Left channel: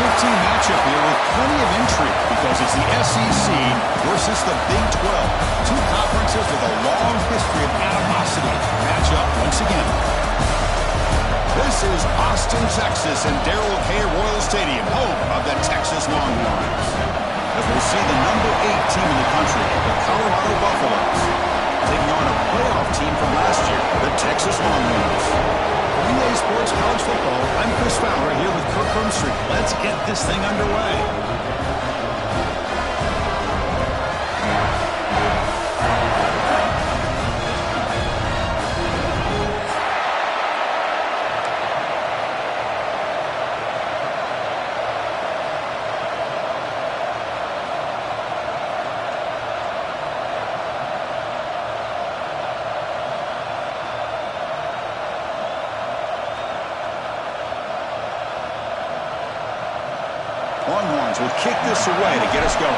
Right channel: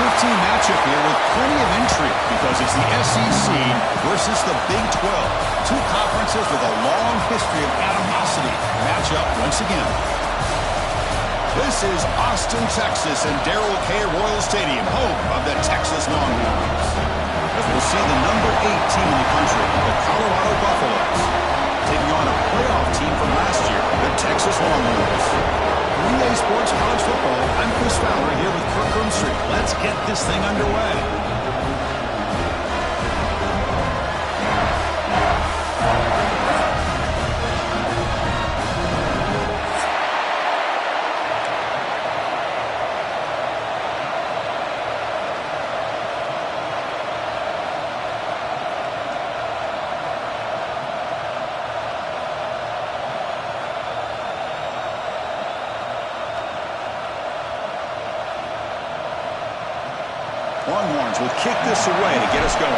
15 matchup here with plenty of intrigue because it's the SEC versus the Big 12. Two conferences with a long history of animosity match up once again. This is Austin, Texas, and Darrell K. Royal Stadium, home of the Texas Longhorns. As we'll see the number 8 team in the country, the Colorado Buffaloes, taking on a playoff team from last year, the Texas Longhorns. For EA Sports College Football, I'm Chris Fowler here with Kirk Hermstreet. Let's get this thing underway. Longhorns will kick this away to get us going.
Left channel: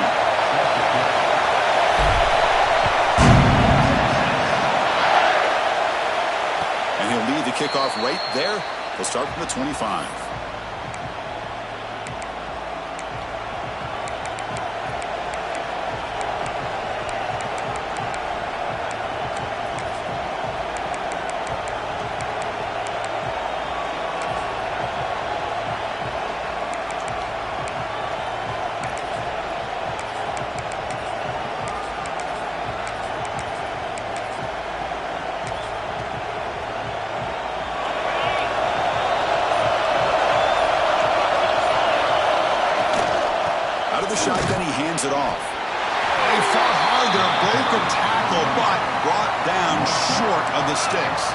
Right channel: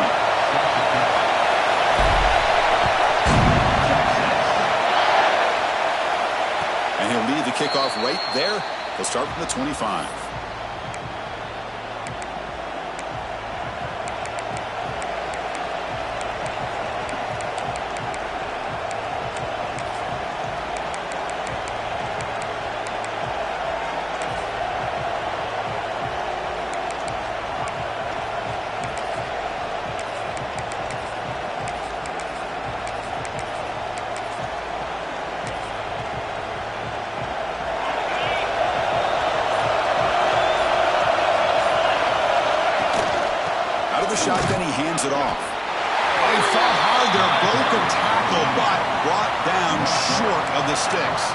And he'll lead the kickoff right there. He'll start from the 25. Shotgun, he hands it off. They fought hard there, broke a tackle, but brought down short of the sticks.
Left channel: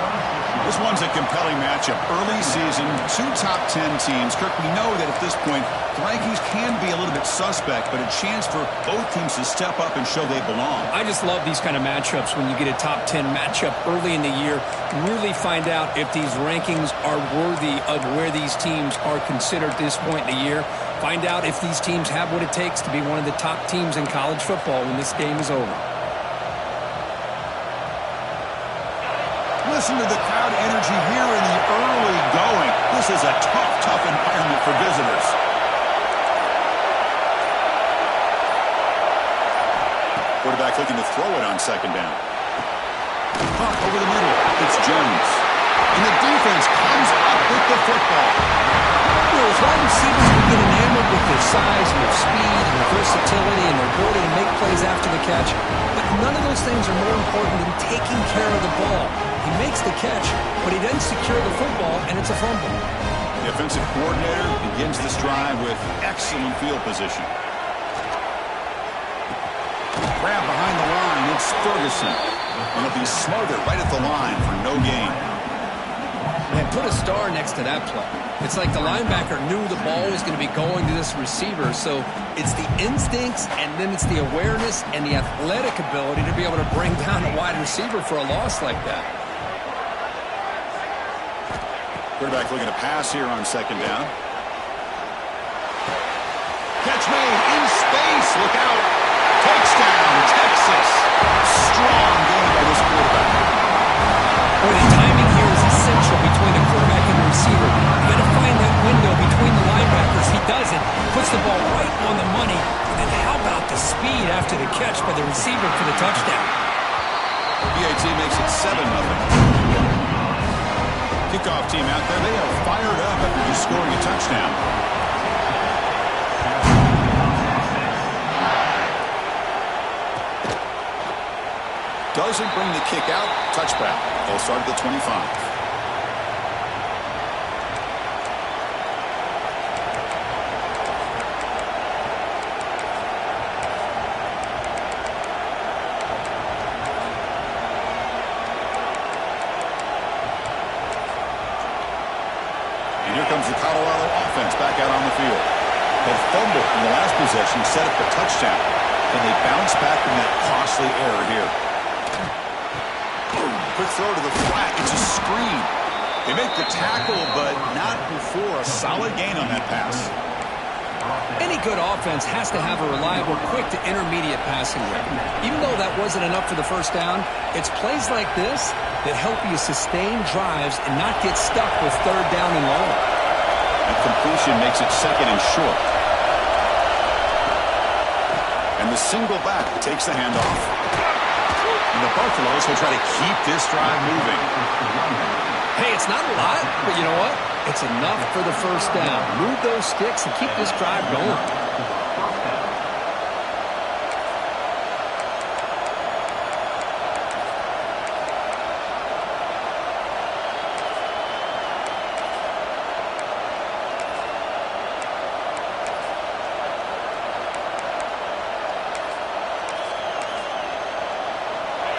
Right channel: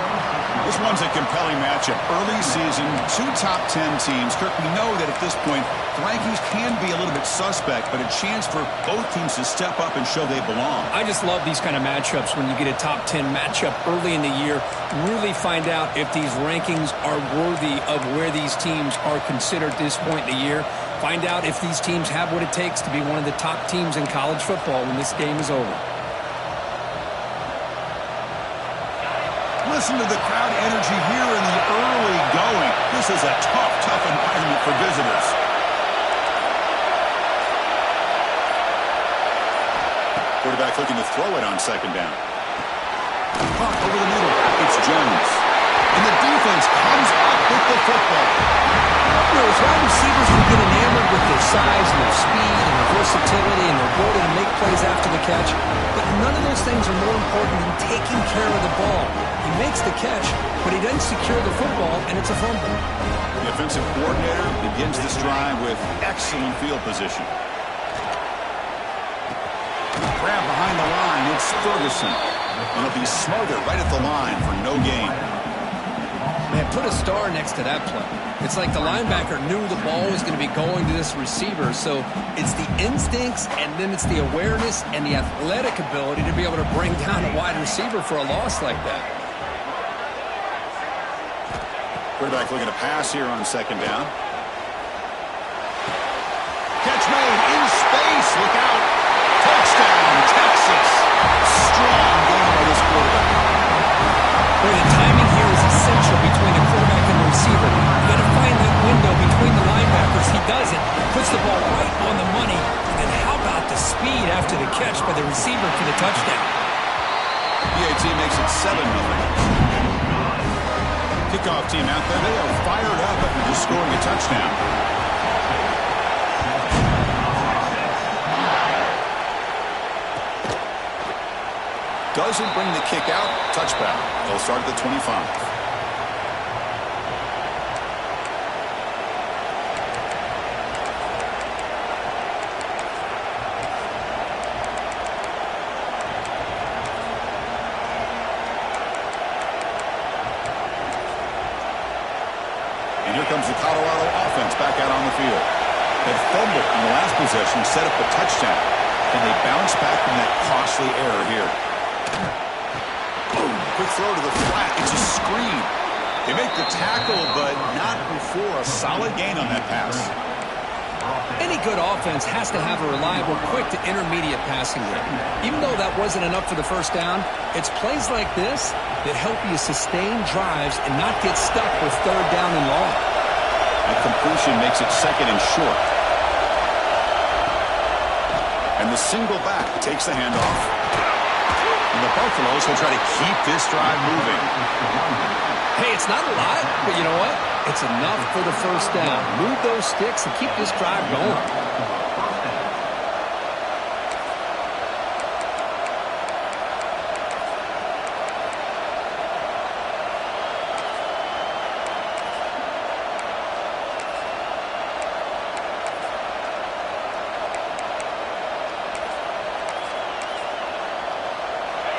This one's a compelling matchup. Early season, 2 top 10 teams. Kirk, we know that at this point, the rankings can be a little bit suspect, but a chance for both teams to step up and show they belong. I just love these kind of matchups when you get a top 10 matchup early in the year. Really find out if these rankings are worthy of where these teams are considered at this point in the year. Find out if these teams have what it takes to be one of the top teams in college football when this game is over. Listen to the crowd energy here in the early going. This is a tough environment for visitors. Quarterback looking to throw it on second down. Pump over the middle. It's Jones. And the defense comes up with the football. You know, as wide receivers, we get enamored with their size and their speed and their versatility and their ability to make plays after the catch. But none of those things are more important than taking care of the ball. He makes the catch, but he doesn't secure the football, and it's a fumble. The offensive coordinator begins this drive with excellent field position. Grab behind the line, it's Ferguson. And he'll be smothered right at the line for no gain. Man, put a star next to that play. It's like the linebacker knew the ball was going to be going to this receiver, so it's the instincts and then it's the awareness and the athletic ability to be able to bring down a wide receiver for a loss like that. Quarterback looking to pass here on second down. Catch made in space. Look out. Touchdown, Texas. Strong game by this quarterback. Boy, the timing here is essential between the quarterback and the receiver. You got to find that window between the linebackers. He does it, puts the ball right on the money. And how about the speed after the catch by the receiver for the touchdown? BAT makes it 7-0. Kickoff team out there, they are fired up after just scoring a touchdown. Doesn't bring the kick out. Touchback. They'll start at the 25. And here comes the Colorado offense back out on the field. That fumble in the last possession set up a touchdown. And they bounce back from that costly error here. Quick throw to the flat. It's a screen. They make the tackle, but not before a solid gain on that pass. Any good offense has to have a reliable, quick to intermediate passing game. Even though that wasn't enough for the first down, it's plays like this that help you sustain drives and not get stuck with third down and long. That completion makes it second and short. And the single back takes the handoff. And the Buffaloes will try to keep this drive moving. Hey, it's not a lot, but you know what? It's enough for the first down. Move those sticks and keep this drive going.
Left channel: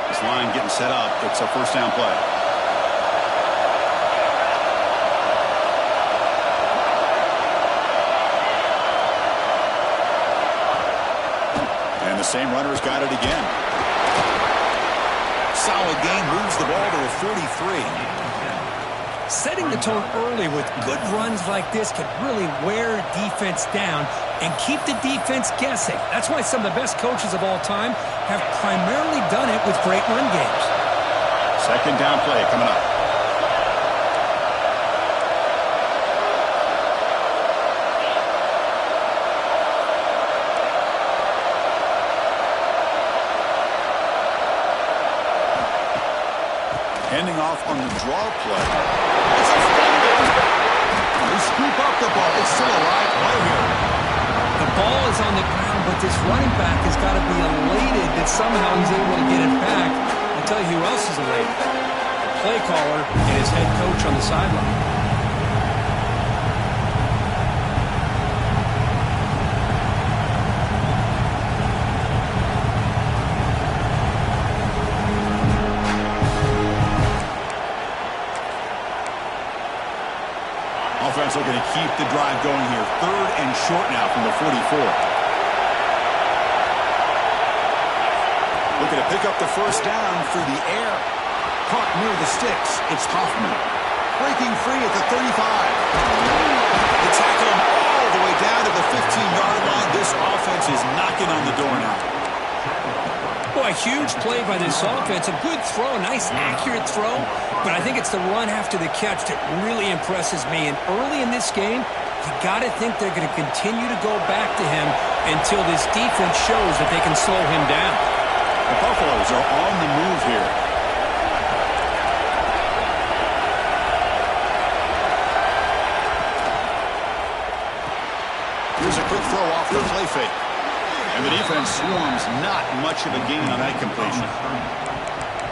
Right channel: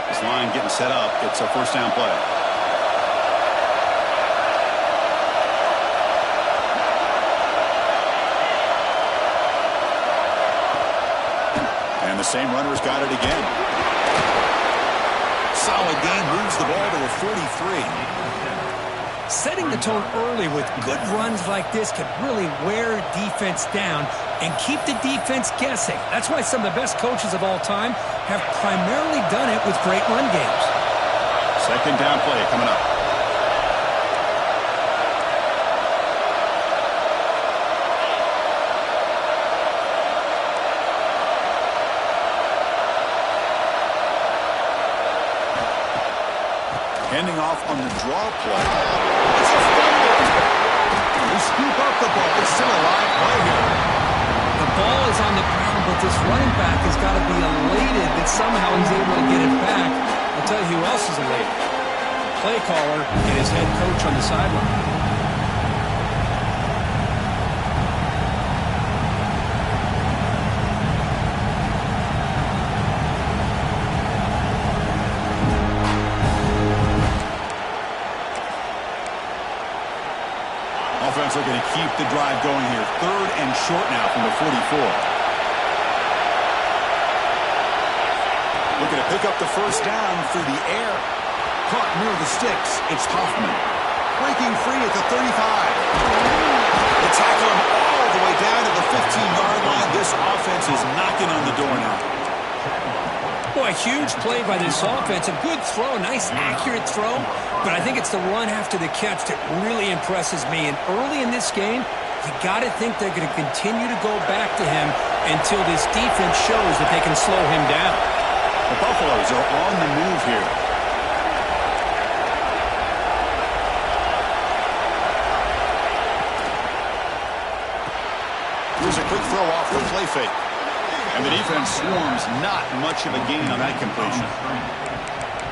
This line getting set up. It's a first down play. And the same runner's got it again. Solid gain, moves the ball to a 43. Setting the tone early with good runs like this can really wear defense down and keep the defense guessing. That's why some of the best coaches of all time have primarily done it with great run games. Second down play coming up. Handing off on the draw play. It's a fumble. They scoop up the ball. It's still a live play here. The ball is on the ground, but this running back has got to be elated that somehow he's able to get it back. I'll tell you who else is elated. The play caller and his head coach on the sideline. Offense looking to keep the drive going here. Third and short now from the 44. Looking to pick up the first down through the air. Caught near the sticks. It's Hoffman. Breaking free at the 35. They tackle him all the way down to the 15-yard line. This offense is knocking on the door now. Boy, huge play by this offense. A good throw, a nice accurate throw. But I think it's the run after the catch that really impresses me. And early in this game, you got to think they're going to continue to go back to him until this defense shows that they can slow him down. The Buffaloes are on the move here. Here's a quick throw off the play fake. And the defense swarms, not much of a gain on that completion.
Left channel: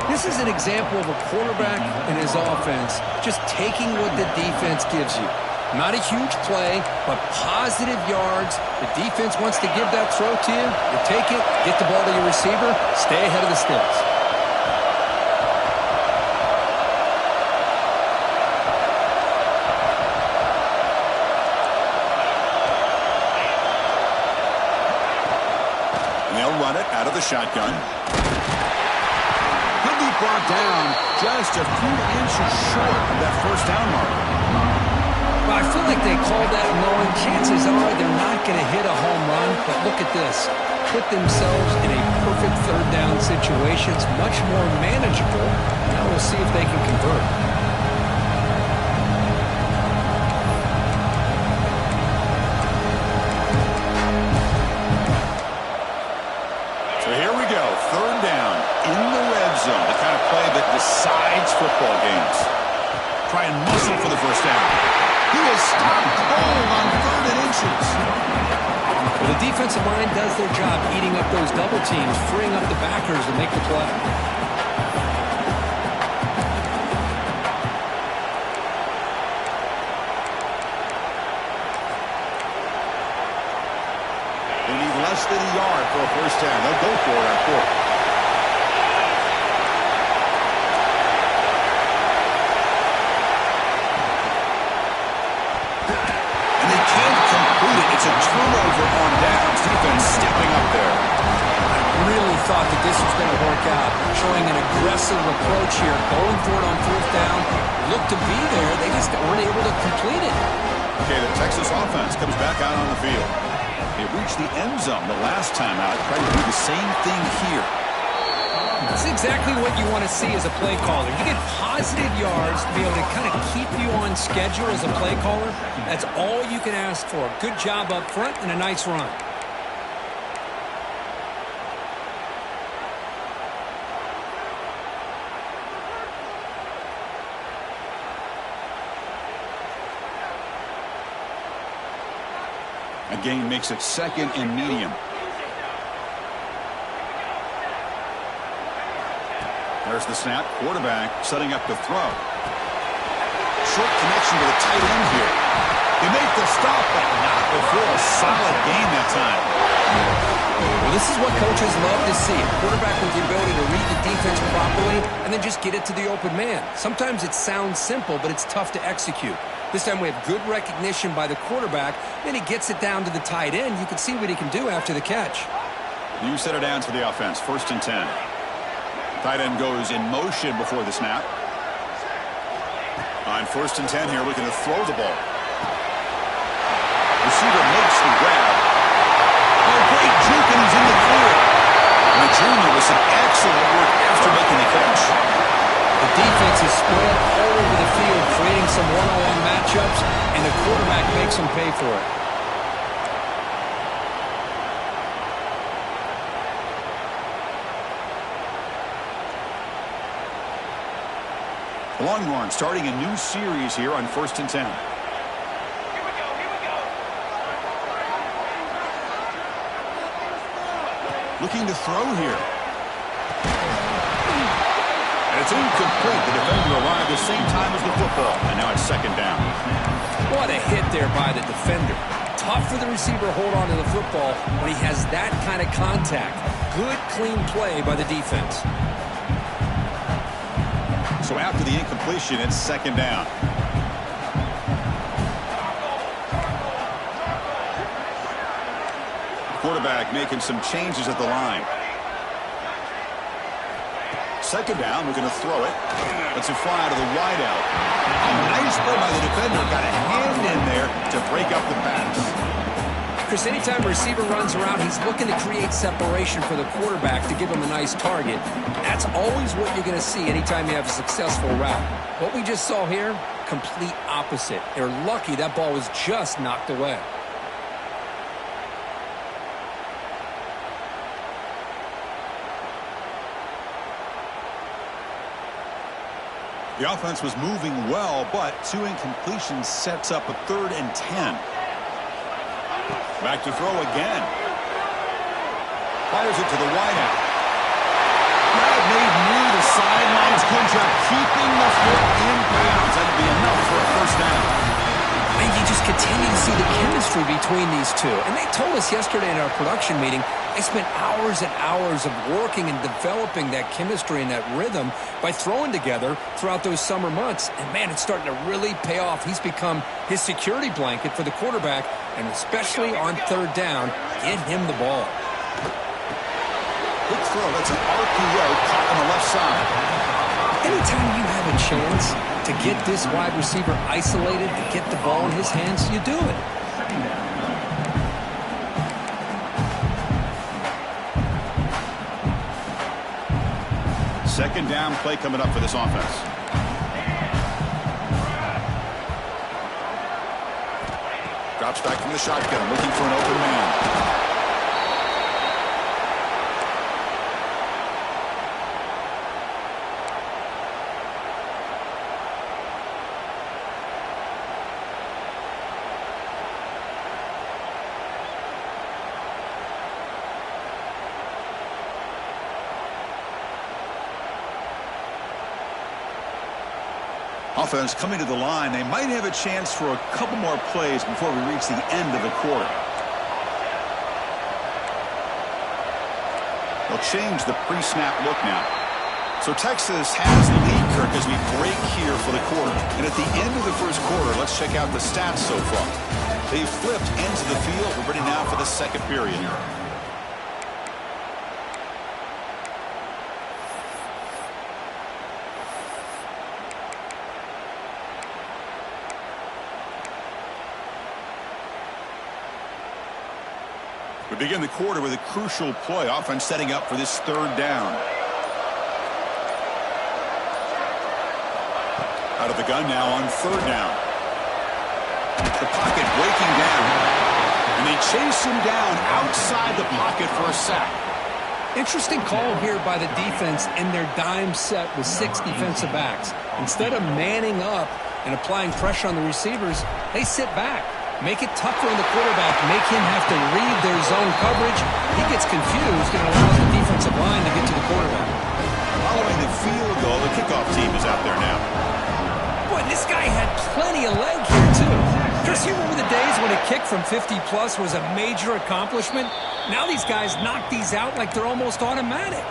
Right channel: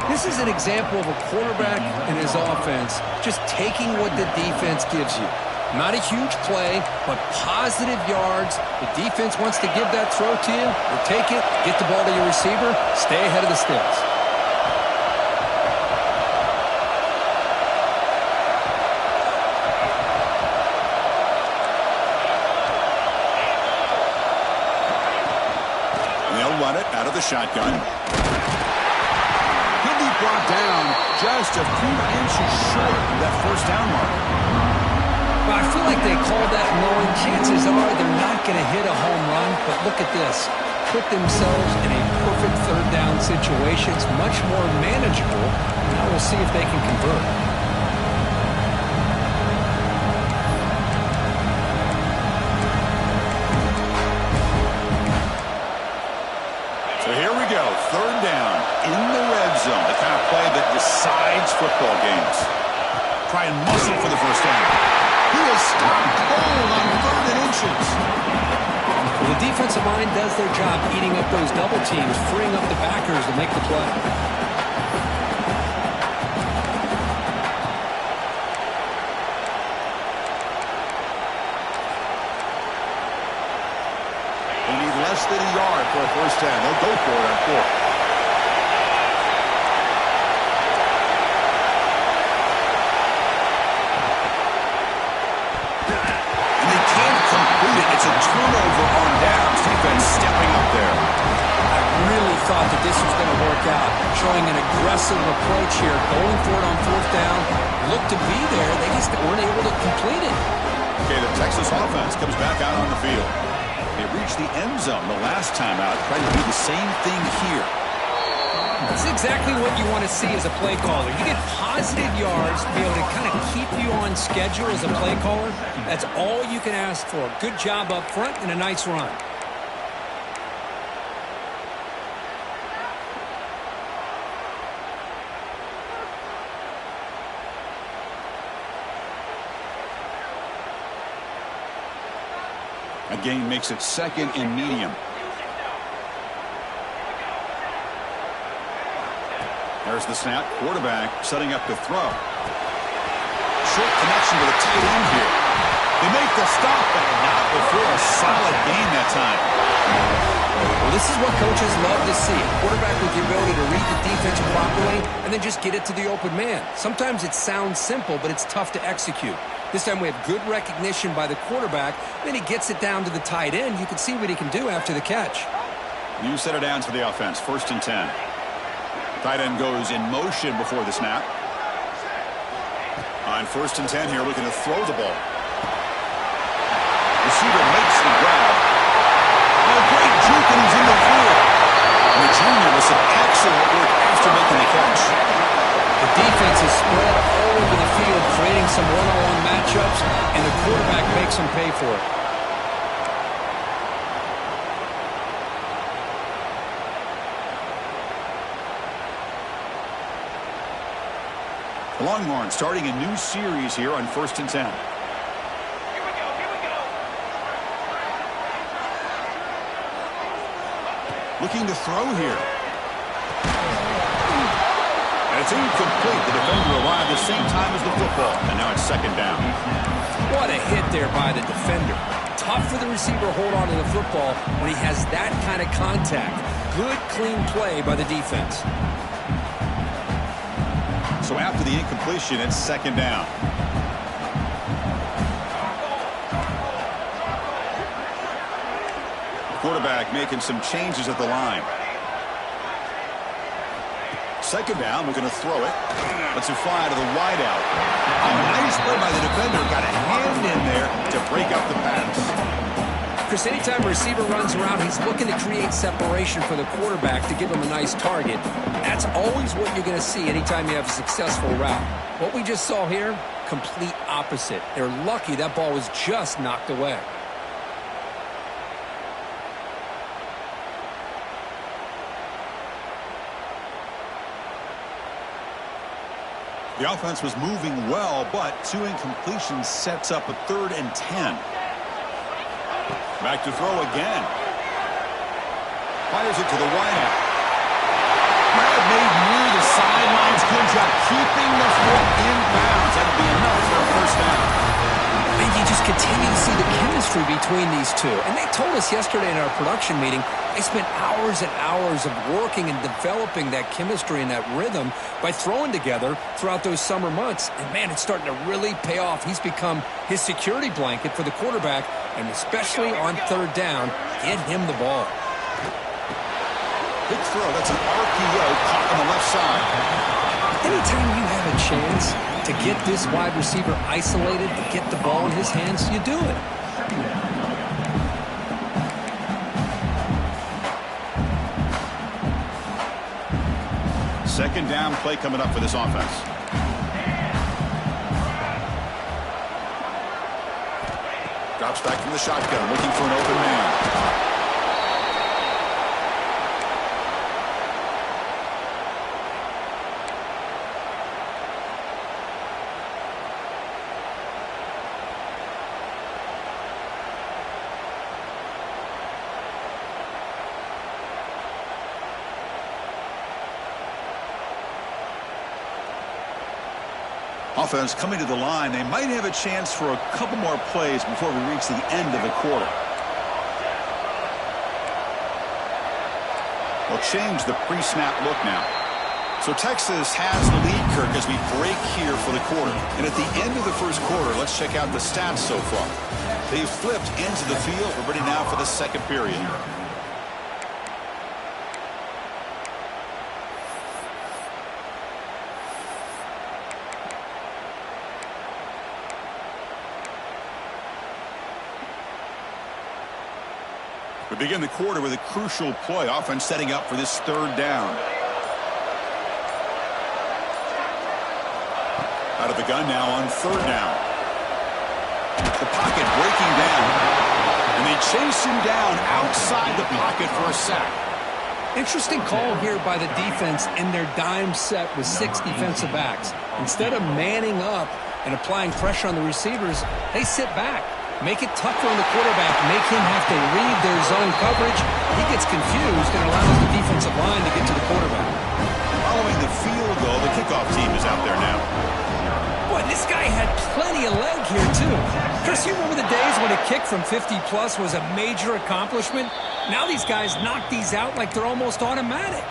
This is an example of a quarterback and his offense just taking what the defense gives you. Not a huge play, but positive yards. The defense wants to give that throw to you. You take it, get the ball to your receiver, stay ahead of the sticks. Run it out of the shotgun. He'll be brought down just a few inches short of that first down mark. Well, I feel like they called that knowing chances are they're not going to hit a home run, but look at this. Put themselves in a perfect third down situation. It's much more manageable. Now we'll see if they can convert. So here we go, third down in the red zone, the kind of play that decides football games. Try and muscle for the first down. He is stopped cold on third and inches. Well, the defensive line does their job eating up those double teams, freeing up the backers to make the play. They need less than a yard for a first down. They'll go for it on fourth. And they can't complete it. It's a turnover on downs. Defense stepping up there. I really thought that this was going to work out, showing an aggressive approach here, going for it on fourth down. Looked to be there. They just weren't able to complete it. Okay, the Texas offense comes back out on the field. They reached the end zone the last time out, trying to do the same thing here. This is exactly what you want to see as a play caller. You get positive yards to be able to kind of keep you on schedule as a play caller. That's all you can ask for. Good job up front and a nice run. A gain makes it 2nd and medium. There's the snap. Quarterback setting up to throw. Short connection to the tight end here. They make the stop, but not before a solid gain that time. Well, this is what coaches love to see. A quarterback with the ability to read the defense properly and then just get it to the open man. Sometimes it sounds simple, but it's tough to execute. This time we have good recognition by the quarterback. Then he gets it down to the tight end. You can see what he can do after the catch. You set it down to the offense. 1st and 10. Tight end goes in motion before the snap. On 1st and 10 here, looking to throw the ball. Receiver makes the grab. Oh, great juke, and he's in the clear. And the junior with some excellent work after making the catch. The defense is spread all over the field, creating some one-on-one matchups, and the quarterback makes them pay for it. The Longhorns starting a new series here on 1st and 10. Here we go, here we go. Looking to throw here. And it's incomplete. The defender arrived the same time as the football. And now it's 2nd down. What a hit there by the defender. Tough for the receiver to hold on to the football when he has that kind of contact. Good, clean play by the defense. So after the incompletion, it's 2nd down. Quarterback making some changes at the line. 2nd down, we're going to throw it. Lets it fly to the wideout. Oh, nice play by the defender. Got a hand in there to break up the pass. Chris, anytime a receiver runs around, he's looking to create separation for the quarterback to give him a nice target. That's always what you're going to see anytime you have a successful route. What we just saw here, complete opposite. They're lucky that ball was just knocked away. The offense was moving well, but 2 incompletions sets up a 3rd and 10. Back to throw again. Fires it to the wideout. Grab made near the sidelines. Good job keeping the foot in bounds. That'll be enough for a 1st down. And you just continue to see the chemistry between these two. And they told us yesterday in our production meeting, they spent hours and hours of working and developing that chemistry and that rhythm by throwing together throughout those summer months. And, man, it's starting to really pay off. He's become his security blanket for the quarterback, and especially on 3rd down, get him the ball. Quick throw. That's an RPO caught on the left side. Anytime you have a chance to get this wide receiver isolated, to get the ball in his hands, you do it. Second down play coming up for this offense. Drops back from the shotgun, looking for an open man. Offense coming to the line. They might have a chance for a couple more plays before we reach the end of the quarter. They'll change the pre-snap look now. So Texas has the lead, Kirk, as we break here for the quarter. And at the end of the first quarter, let's check out the stats so far. They've flipped ends of the field. We're ready now for the second period. We begin the quarter with a crucial play. Offense setting up for this 3rd down. Out of the gun now on third down. The pocket breaking down. And they chase him down outside the pocket for a sack. Interesting call here by the defense in their dime set with 6 defensive backs. Instead of manning up and applying pressure on the receivers, they sit back. Make it tougher on the quarterback. Make him have to read their zone coverage. He gets confused and allows the defensive line to get to the quarterback. Following the field goal, the kickoff team is out there now. Boy, this guy had plenty of leg here, too. Chris, you remember the days when a kick from 50-plus was a major accomplishment? Now these guys knock these out like they're almost automatic.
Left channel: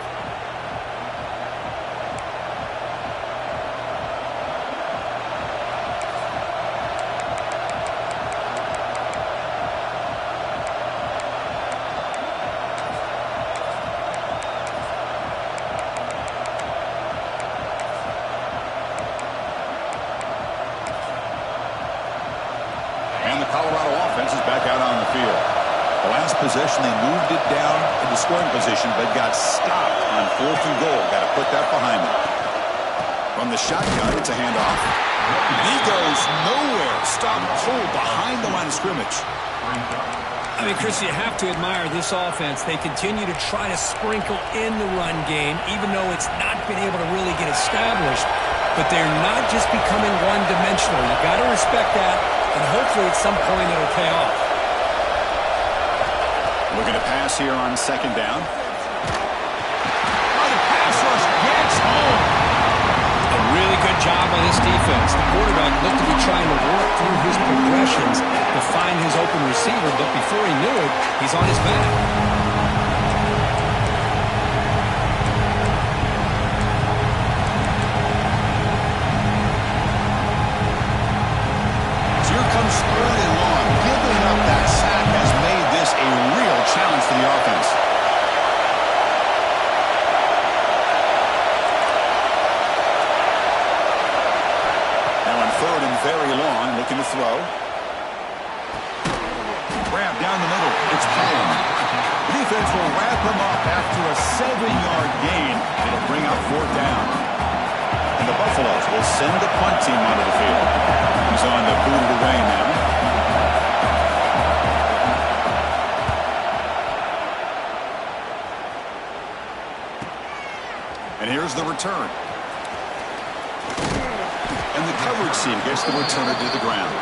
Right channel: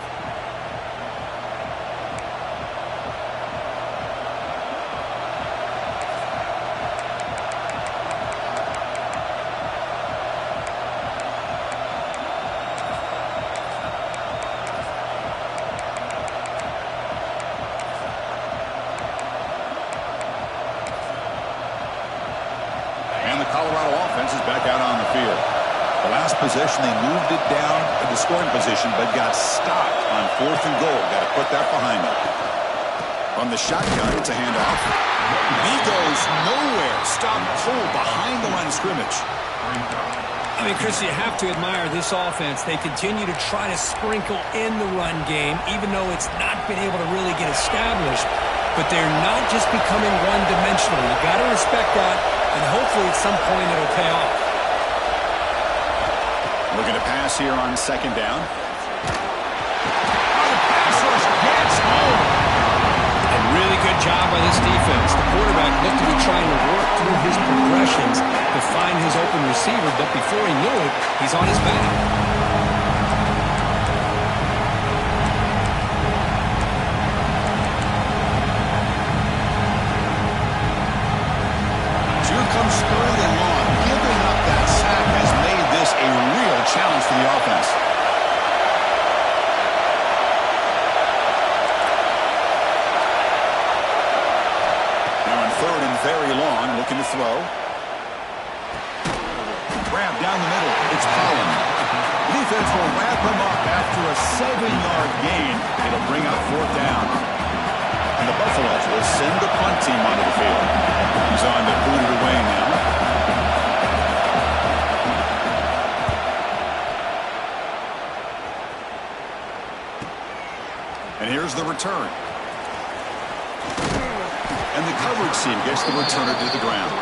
And the Colorado offense is back out on the field. The last possession, they moved it down into scoring position, but got stopped on 4th and goal. Got to put that behind them. From the shotgun, it's a handoff. He goes nowhere. Stopped cold behind the line of scrimmage. I mean, Chris, you have to admire this offense. They continue to try to sprinkle in the run game, even though it's not been able to really get established. But they're not just becoming one-dimensional. You got to respect that, and hopefully at some point it'll pay off. Looking to pass here on second down. Oh, the pass rush gets home. A really good job by this defense. The quarterback looked to be trying to work through his progressions to find his open receiver, but before he knew it, he's on his back. So here comes 3rd and long. Giving up that sack has made this a real challenge for the offense. Now on 3rd and very long, looking to throw. Grab down the middle. It's Collins. The defense will wrap him up after a 7-yard gain. It'll bring up 4th down. And the Buffaloes will send the punt team onto the field. He's on to boot it away now. And here's the return. And the coverage team gets the returner to the ground.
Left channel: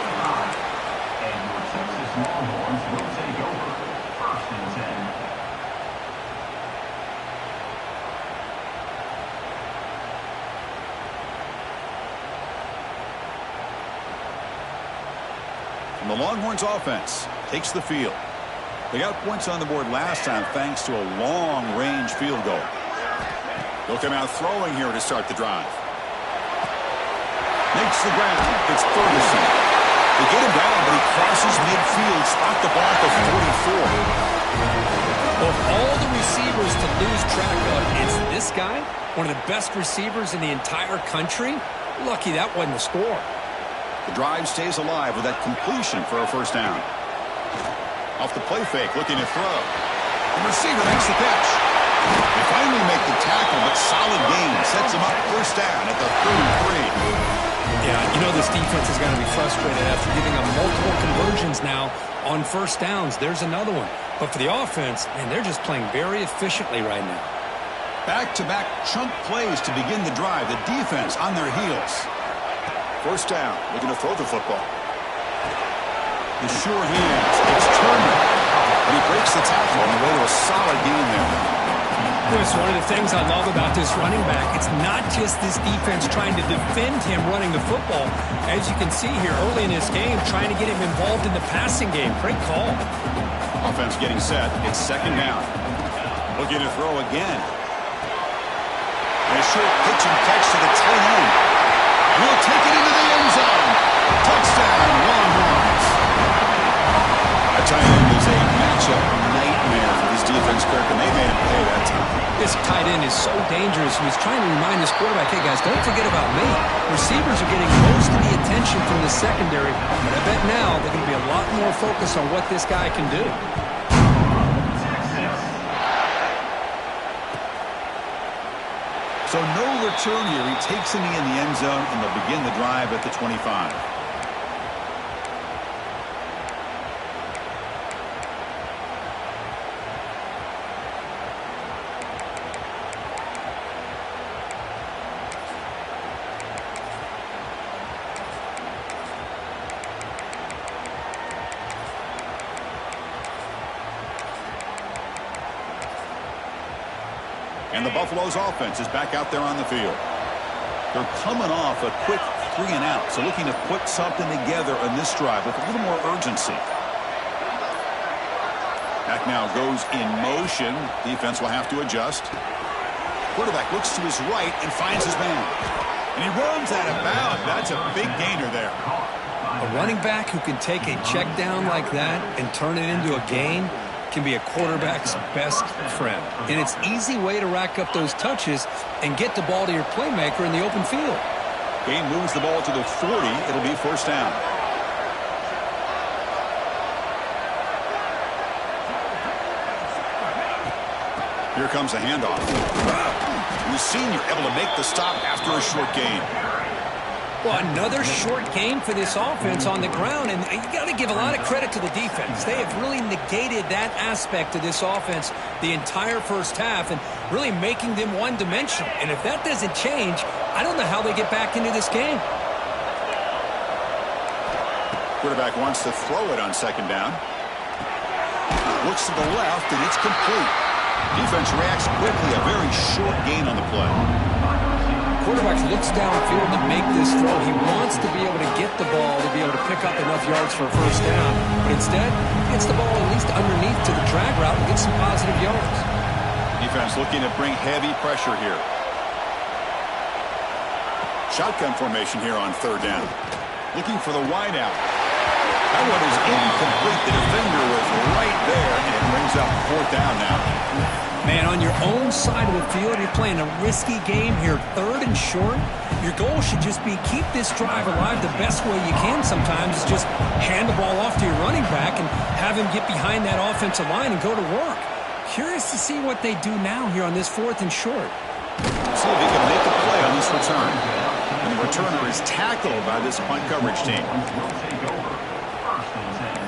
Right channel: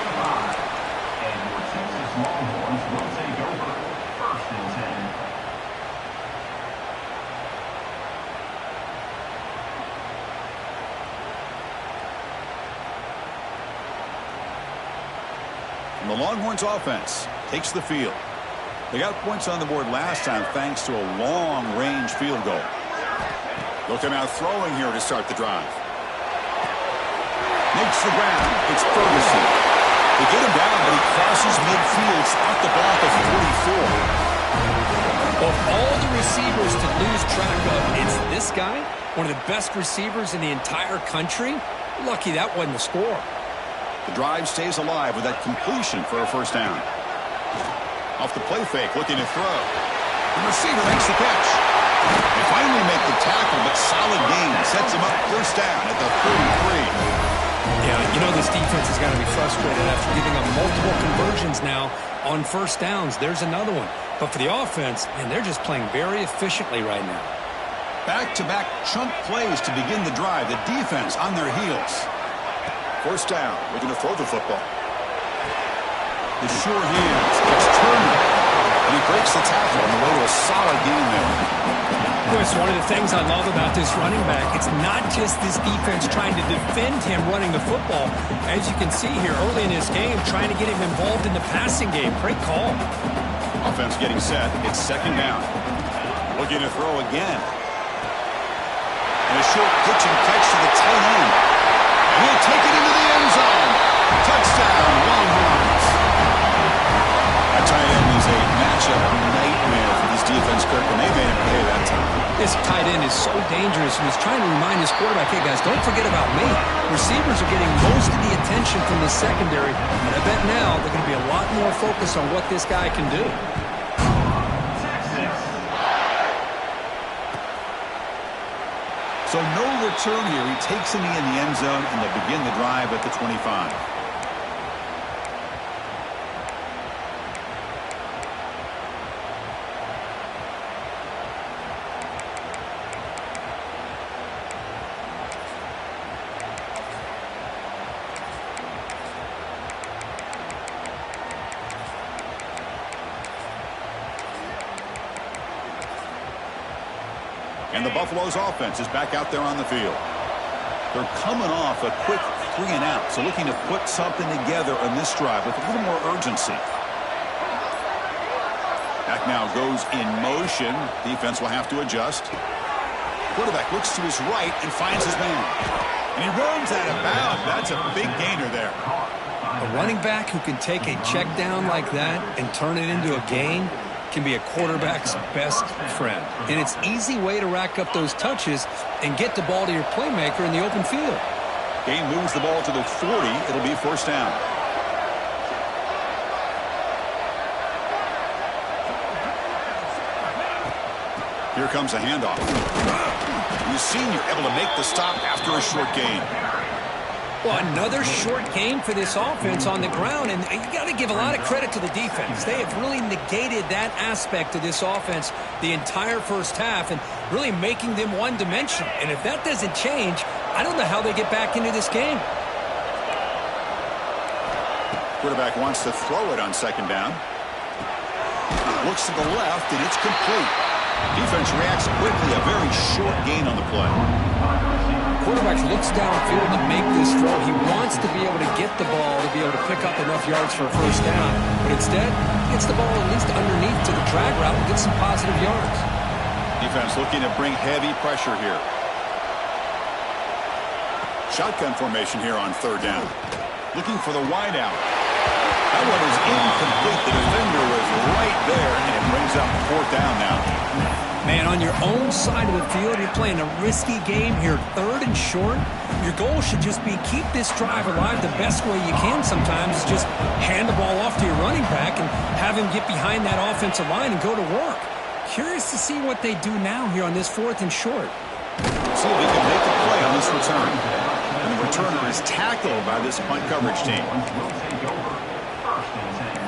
And your Texas Longhorns will take over 1st and 10. And the Longhorns offense takes the field. They got points on the board last time thanks to a long-range field goal. They'll come out throwing here to start the drive. Makes the ground. It's Ferguson. They get him down, but he crosses midfield. Spot the ball to 44. Of all the receivers to lose track of, it's this guy, one of the best receivers in the entire country. Lucky that wasn't a score. The drive stays alive with that completion for a 1st down. Off the play fake, looking to throw. The receiver makes the catch. They finally make the tackle, but solid gain sets them up 1st down at the 33. Yeah, you know this defense is going to be frustrated after giving up multiple conversions now on 1st downs. There's another one. But for the offense, man, they're just playing very efficiently right now. Back-to-back chunk plays to begin the drive. The defense on their heels. 1st down, looking to throw the football. The sure hands. It's Turner. And he breaks the tackle on the way to a solid gain there. Chris, one of the things I love about this running back, it's not just this defense trying to defend him running the football. As you can see here early in this game, trying to get him involved in the passing game. Great call. Offense getting set. It's 2nd down. Looking to throw again. And a short pitch and catch to the tight end. And he'll take it into the end zone. Touchdown, Longhorns. That tight end is a matchup nightmare for this defense, Kirk, and they made him pay that time. This tight end is so dangerous, and he's trying to remind his quarterback, hey, guys, don't forget about me. Receivers are getting most of the attention from the secondary, but I bet now they're going to be a lot more focused on what this guy can do. So no return here. He takes a knee in the end zone, and they'll begin the drive at the 25. And the Buffalo's offense is back out there on the field. They're coming off a quick 3 and out, so looking to put something together on this drive with a little more urgency. Back now goes in motion. Defense will have to adjust. Quarterback looks to his right and finds his man. And he runs out of bounds. That's a big gainer there. A running back who can take a check down like that and turn it into a gain can be a quarterback's best friend. And it's an easy way to rack up those touches and get the ball to your playmaker in the open field. Gain moves the ball to the 40. It'll be first down. Here comes a handoff. The senior able to make the stop after a short gain. Well, another short game for this offense on the ground, and you got to give a lot of credit to the defense. They have really negated that aspect of this offense the entire first half and really making them one-dimensional. And if that doesn't change, I don't know how they get back into this game. Quarterback wants to throw it on second down. Looks to the left, and it's complete. Defense reacts quickly. A very short gain on the play. Quarterback looks downfield to make this throw. He wants to be able to get the ball to be able to pick up enough yards for a first down. But instead, he gets the ball at least underneath to the drag route and gets some positive yards. Defense looking to bring heavy pressure here. Shotgun formation here on third down. Looking for the wideout. That one is incomplete. The defender was right there, and it brings up fourth down now. Man, on your own side of the field, you're playing a risky game here, third and short. Your goal should just be keep this drive alive the best way you can sometimes is just hand the ball off to your running back and have him get behind that offensive line and go to work. Curious to see what they do now here on this fourth and short. See if he can make a play on this return. And the returner is tackled by this punt coverage team. Will take over. First and 10.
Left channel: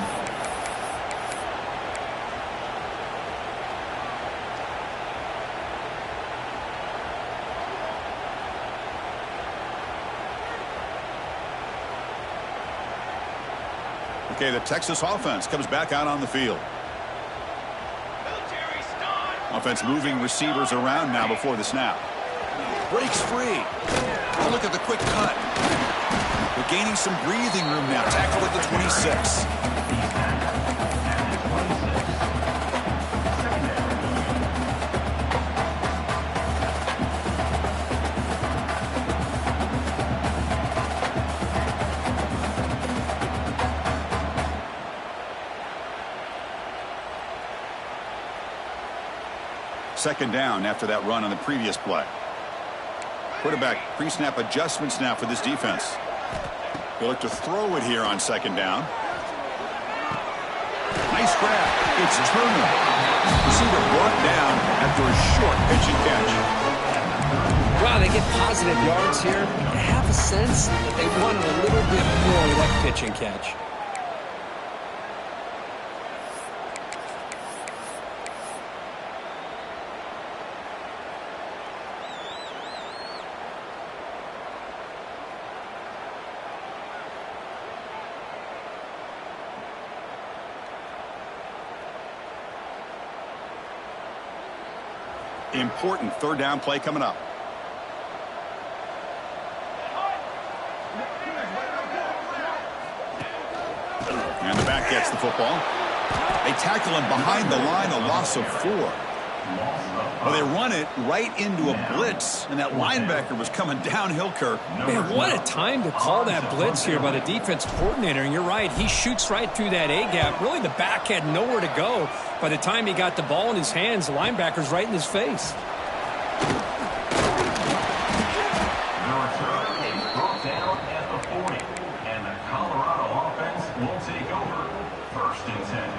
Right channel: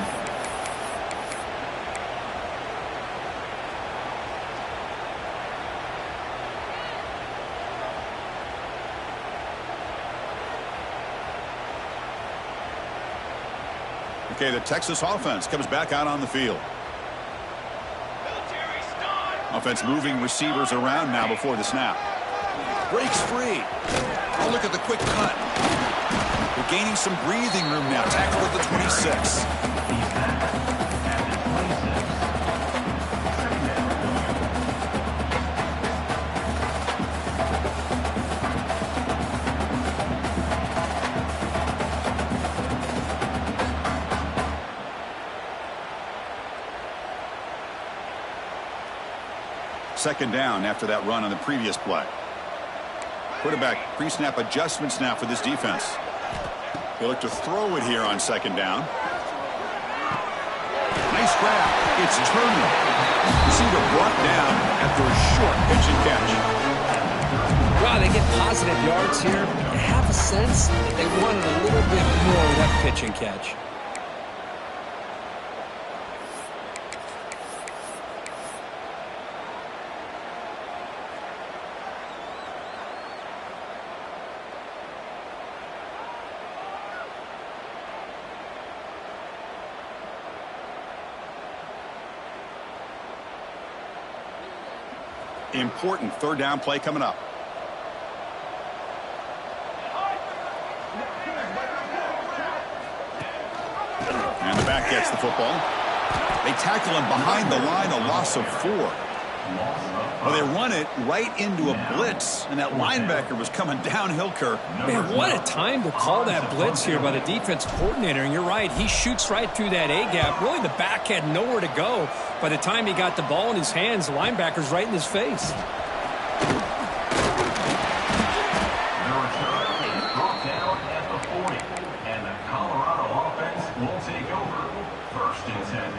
Okay, the Texas offense comes back out on the field. Offense moving receivers around now before the snap. Breaks free. Oh, look at the quick cut. They're gaining some breathing room now. Tackle at the 26. Second down after that run on the previous play. Quarterback pre-snap adjustments now for this defense. They look to throw it here on second down. Nice grab. It's Turner. Receiver brought down after a short pitch and catch. Wow, they get positive yards here. I have a sense that they wanted a little bit more of that pitch and catch. Important third down play coming up. And the back gets the football. They tackle him behind the line, a loss of 4. Well, they run it right into a blitz, and that linebacker was coming downhill, Kirk. Man, what a time to call that blitz here by the defense coordinator. And you're right, he shoots right through that A-gap. Really, the back had nowhere to go. By the time he got the ball in his hands, the linebacker's right in his face. The return is brought down at the 40. And the Colorado offense will take over. First and 10.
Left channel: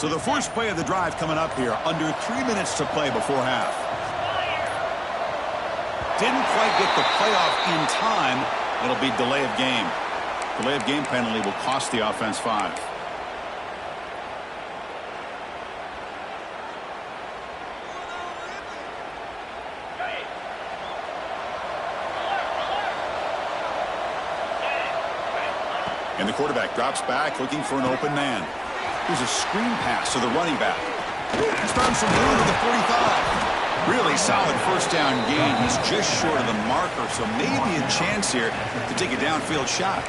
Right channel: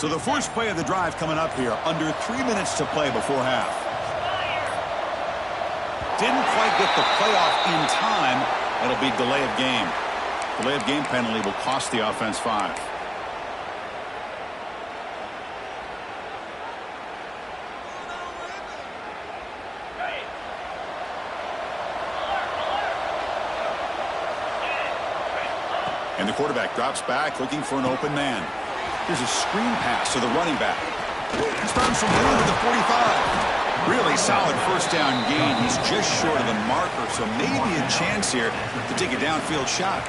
So the first play of the drive coming up here, under 3 minutes to play before half. Didn't quite get the playoff in time. It'll be delay of game. Delay of game penalty will cost the offense 5. And the quarterback drops back looking for an open man. Here's a screen pass to the running back. He's found some room at the 45. Really solid first down gain. He's just short of the marker, so maybe a chance here to take a downfield shot.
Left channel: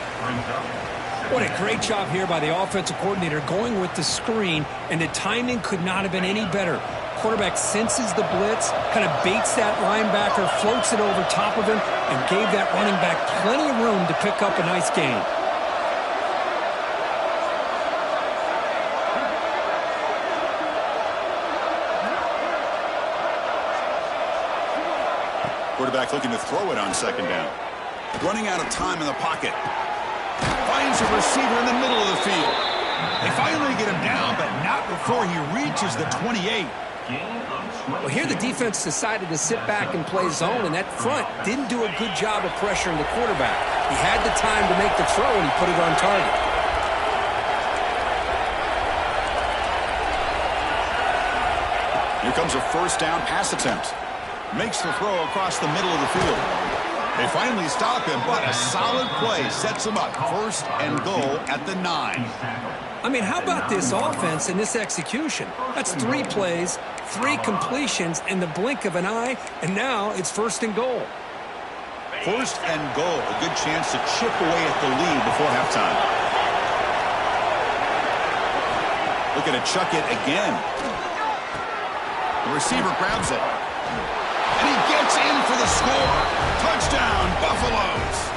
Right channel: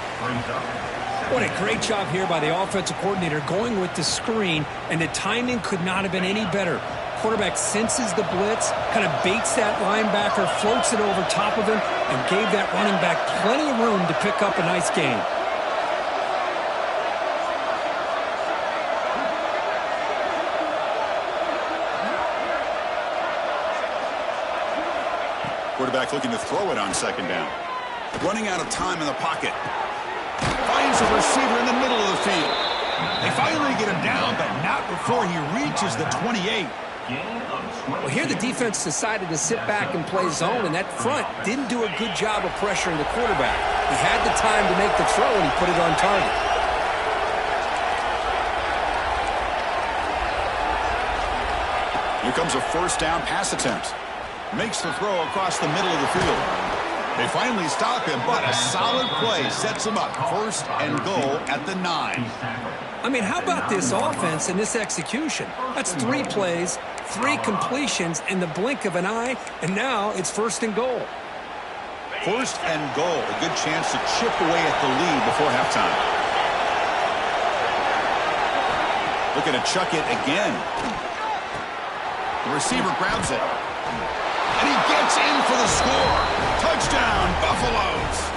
What a great job here by the offensive coordinator going with the screen, and the timing could not have been any better. Quarterback senses the blitz, kind of baits that linebacker, floats it over top of him, and gave that running back plenty of room to pick up a nice gain. Quarterback looking to throw it on second down. Running out of time in the pocket. Finds a receiver in the middle of the field. They finally get him down, but not before he reaches the 28. Well, here the defense decided to sit back and play zone, and that front didn't do a good job of pressuring the quarterback. He had the time to make the throw, and he put it on target. Here comes a first down pass attempt. Makes the throw across the middle of the field. They finally stop him, but a solid play sets him up. First and goal at the 9. I mean, how about this offense and this execution? That's 3 plays, 3 completions in the blink of an eye, and now it's first and goal. First and goal. A good chance to chip away at the lead before halftime. Looking to chuck it again. The receiver grabs it. And he gets in for the score. Touchdown, Buffaloes.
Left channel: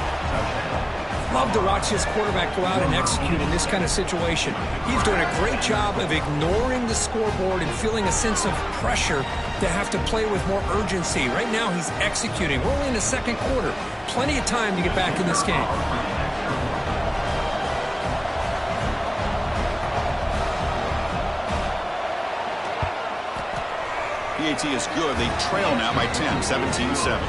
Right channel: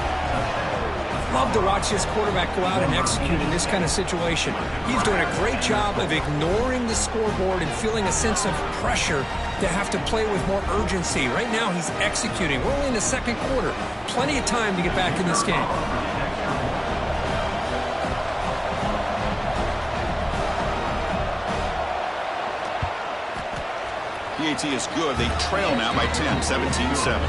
Love to watch this quarterback go out and execute in this kind of situation. He's doing a great job of ignoring the scoreboard and feeling a sense of pressure to have to play with more urgency. Right now he's executing. We're only in the second quarter. Plenty of time to get back in this game. PAT is good. They trail now by 10, 17-7.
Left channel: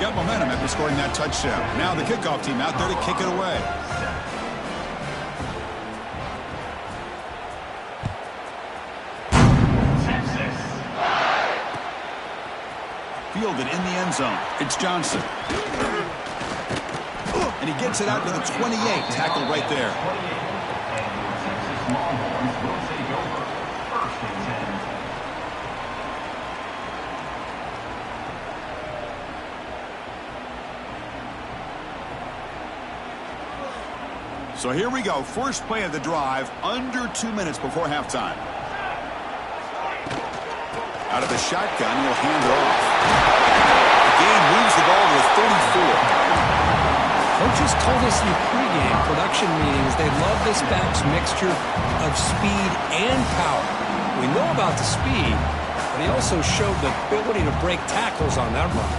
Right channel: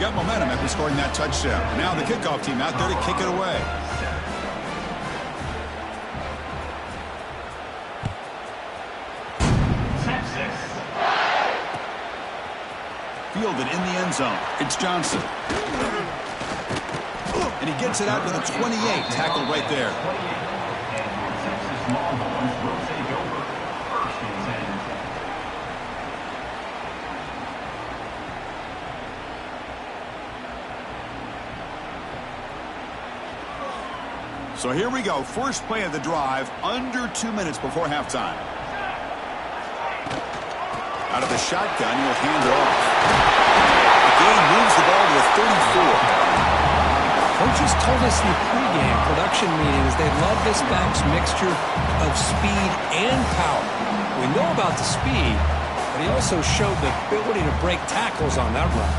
Got momentum after scoring that touchdown. Now the kickoff team out there to kick it away. Fielded in the end zone. It's Johnson. And he gets it out to the 28. Tackled right there. Longhorns will take over. First and 10. So here we go. First play of the drive, under 2 minutes before halftime. Out of the shotgun, he'll hand it off. The game moves the ball to the 34. Coaches told us in the pregame production meetings they love this back's mixture of speed and power. We know about the speed, but he also showed the ability to break tackles on that run.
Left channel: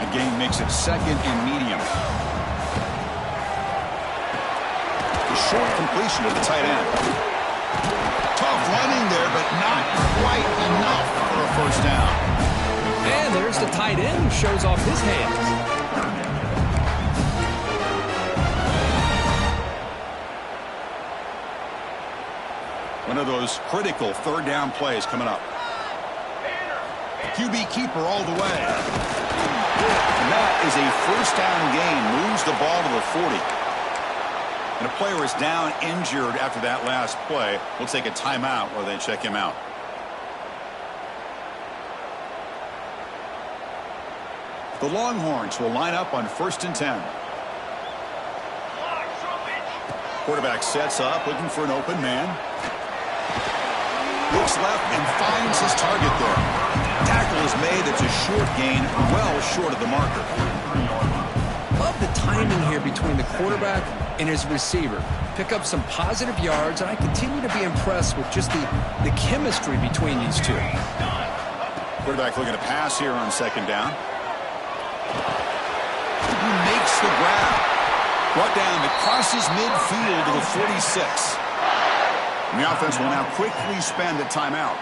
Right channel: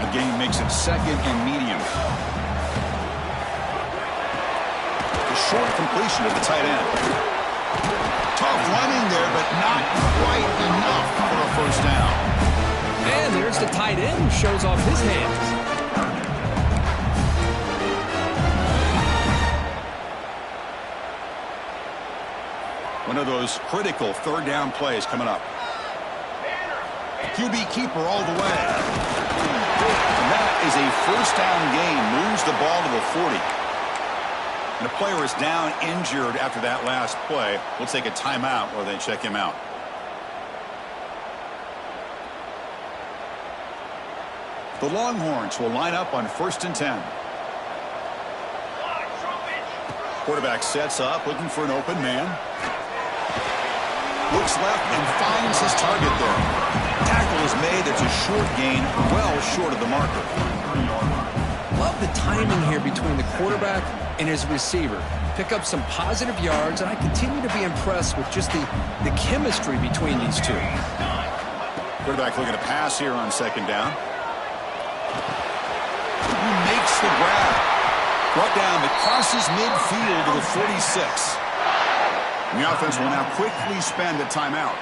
A gain makes it second and medium. A short completion to the tight end. Tough running there, but not quite enough for a first down. And there's the tight end who shows off his hands. One of those critical third down plays coming up. QB keeper all the way. And that is a first down gain. Moves the ball to the 40. And a player is down injured after that last play. We'll take a timeout while they check him out. The Longhorns will line up on first and 10. Quarterback sets up, looking for an open man. Looks left and finds his target there. Tackle is made. That's a short gain, well short of the marker. Love the timing here between the quarterback and his receiver. Pick up some positive yards, and I continue to be impressed with just the chemistry between these two. Quarterback looking to pass here on second down. He makes the grab. Brought down, it crosses midfield to the 46. And the offense will now quickly spend a timeout.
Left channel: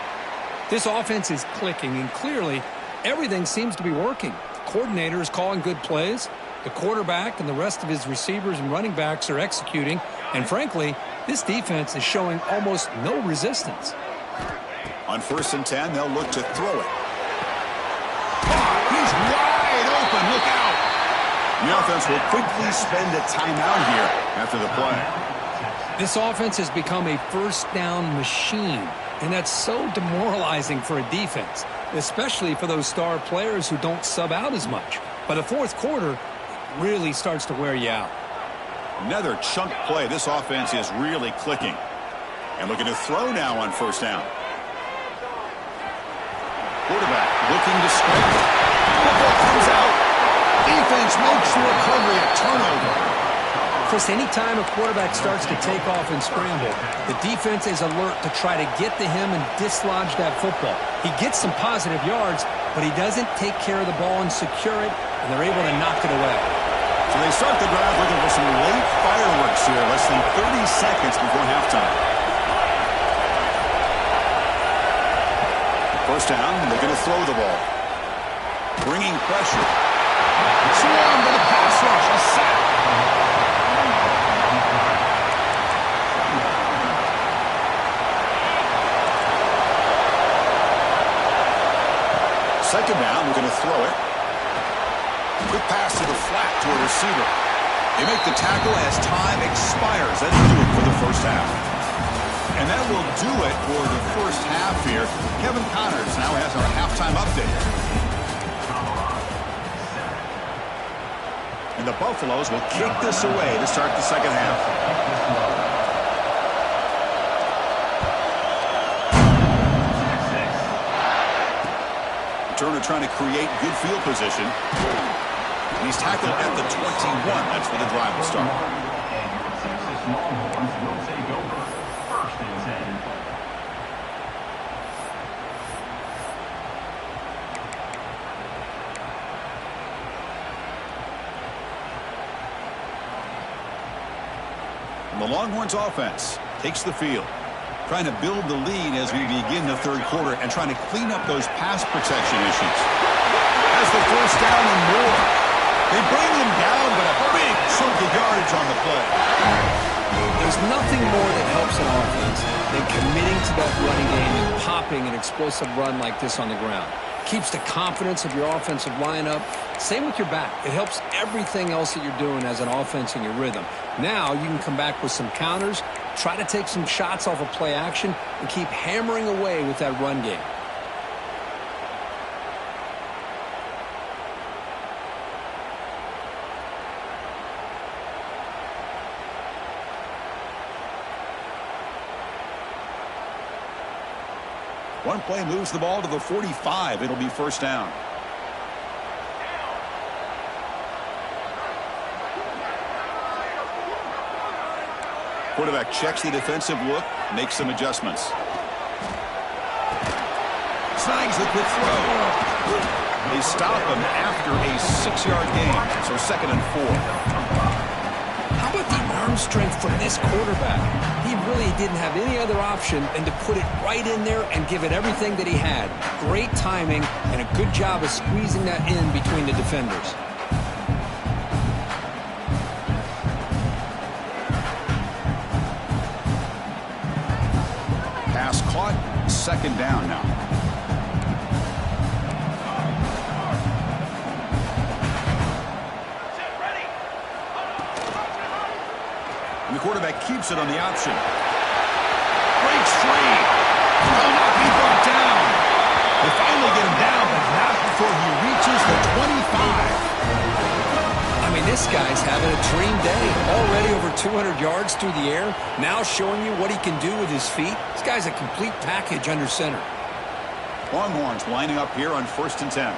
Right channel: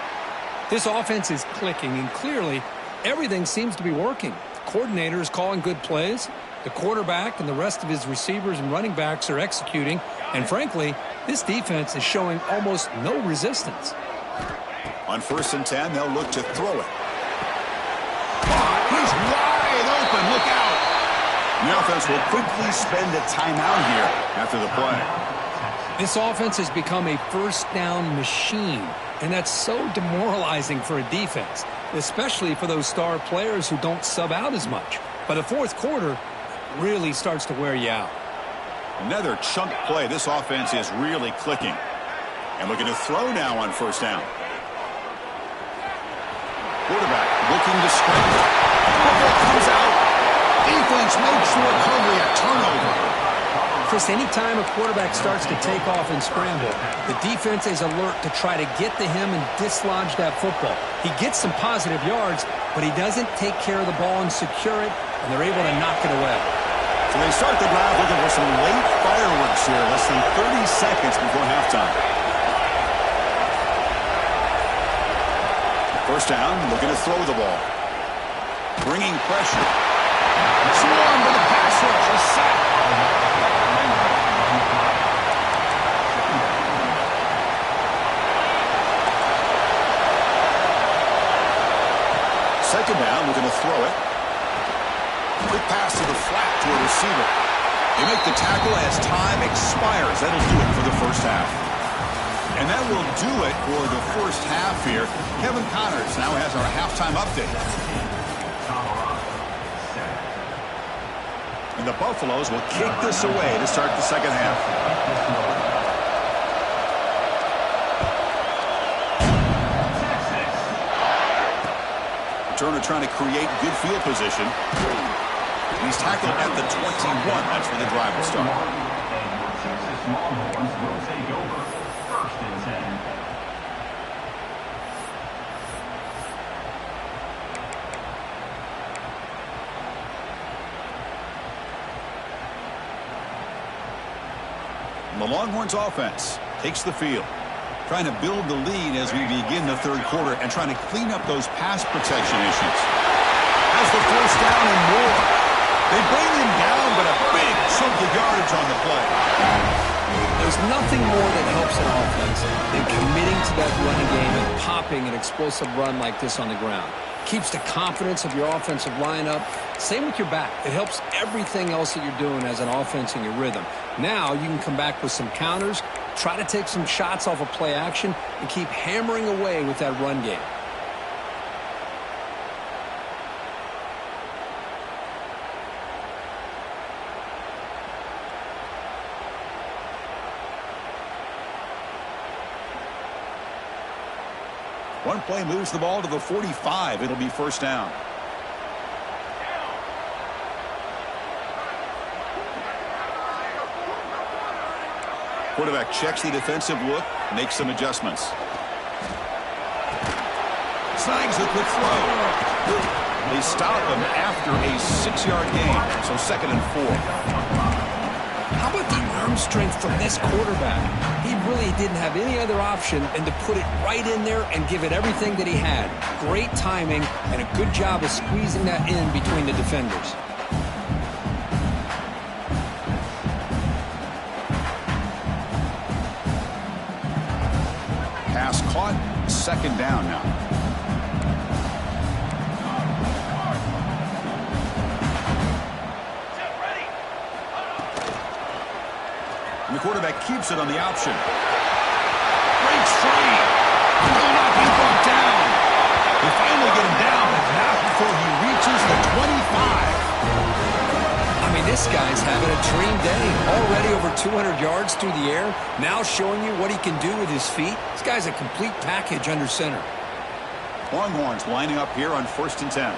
This offense is clicking, and clearly everything seems to be working. The coordinator is calling good plays. The quarterback and the rest of his receivers and running backs are executing. And frankly, this defense is showing almost no resistance. On 1st and 10, they'll look to throw it. Caught. He's wide open. Look out. The offense will quickly spend a timeout here after the play. This offense has become a first down machine, and that's so demoralizing for a defense, especially for those star players who don't sub out as much. By the fourth quarter, it really starts to wear you out. Another chunk play. This offense is really clicking. And looking to throw now on 1st down. Quarterback looking to scramble. Football comes out. Defense makes the recovery a turnover. Chris, anytime a quarterback starts to take off and scramble, the defense is alert to try to get to him and dislodge that football. He gets some positive yards, but he doesn't take care of the ball and secure it, and they're able to knock it away. So they start the drive looking for some late fireworks here, less than 30 seconds before halftime. 1st down, looking to throw the ball. Bringing pressure. Swarm to the pass rush, a sack. 2nd down, looking to throw it. Quick pass to the flat to a receiver. They make the tackle as time expires. That'll do it for the 1st half. And that will do it for the 1st half here. Kevin Connors now has our halftime update. And the Buffaloes will kick this away to start the 2nd half. Turner trying to create good field position. And he's tackled at the 21. That's where the drive will start. And your Texas Longhorns will take over 1st and 10. And the Longhorns offense takes the field, trying to build the lead as we begin the 3rd quarter and trying to clean up those pass protection issues. Has the 1st down and more. They bring him down, but a big chunk of yardage on the play. There's nothing more that helps an offense than committing to that running game and popping an explosive run like this on the ground. Keeps the confidence of your offensive lineup. Same with your back. It helps everything else that you're doing as an offense in your rhythm. Now you can come back with some counters, try to take some shots off of play action, and keep hammering away with that run game. One play moves the ball to the 45. It'll be 1st down. Quarterback checks the defensive look, makes some adjustments. Snags the quick throw. They stop him after a 6-yard gain, so 2nd and 4. How about the arm strength from this quarterback? He really didn't have any other option than to put it right in there and give it everything that he had. Great timing and a good job of squeezing that in between the defenders. Pass caught, 2nd down now. And the quarterback keeps it on the option. Breaks free. Will not be brought down. They finally get him down, but not before he reaches the 25. I mean, this guy's having a dream day. Already over 200 yards through the air. Now showing you what he can do with his feet. This guy's a complete package under center. Longhorns lining up here on 1st and 10.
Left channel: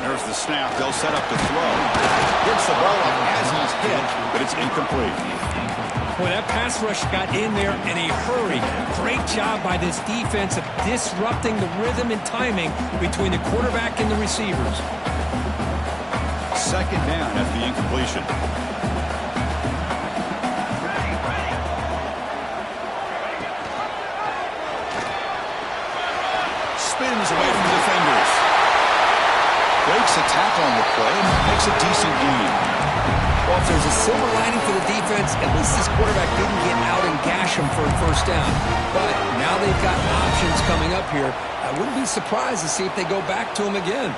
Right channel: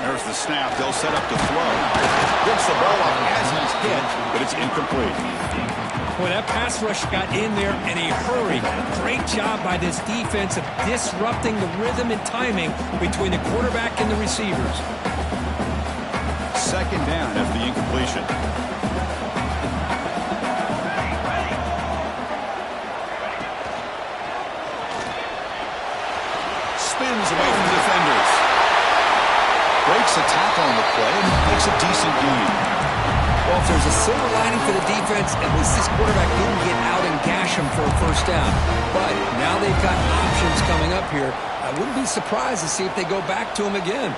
There's the snap. They'll set up to throw. Gets the ball up as he's hit, but it's incomplete. Boy, that pass rush got in there in a hurry. Great job by this defense of disrupting the rhythm and timing between the quarterback and the receivers. second down after the incompletion. Spins away from the defenders. Breaks a tackle on the play and makes a decent gain. Well, if there's a silver lining for the defense, at least this quarterback didn't get out and gash him for a first down. But now they've got options coming up here. I wouldn't be surprised to see if they go back to him again.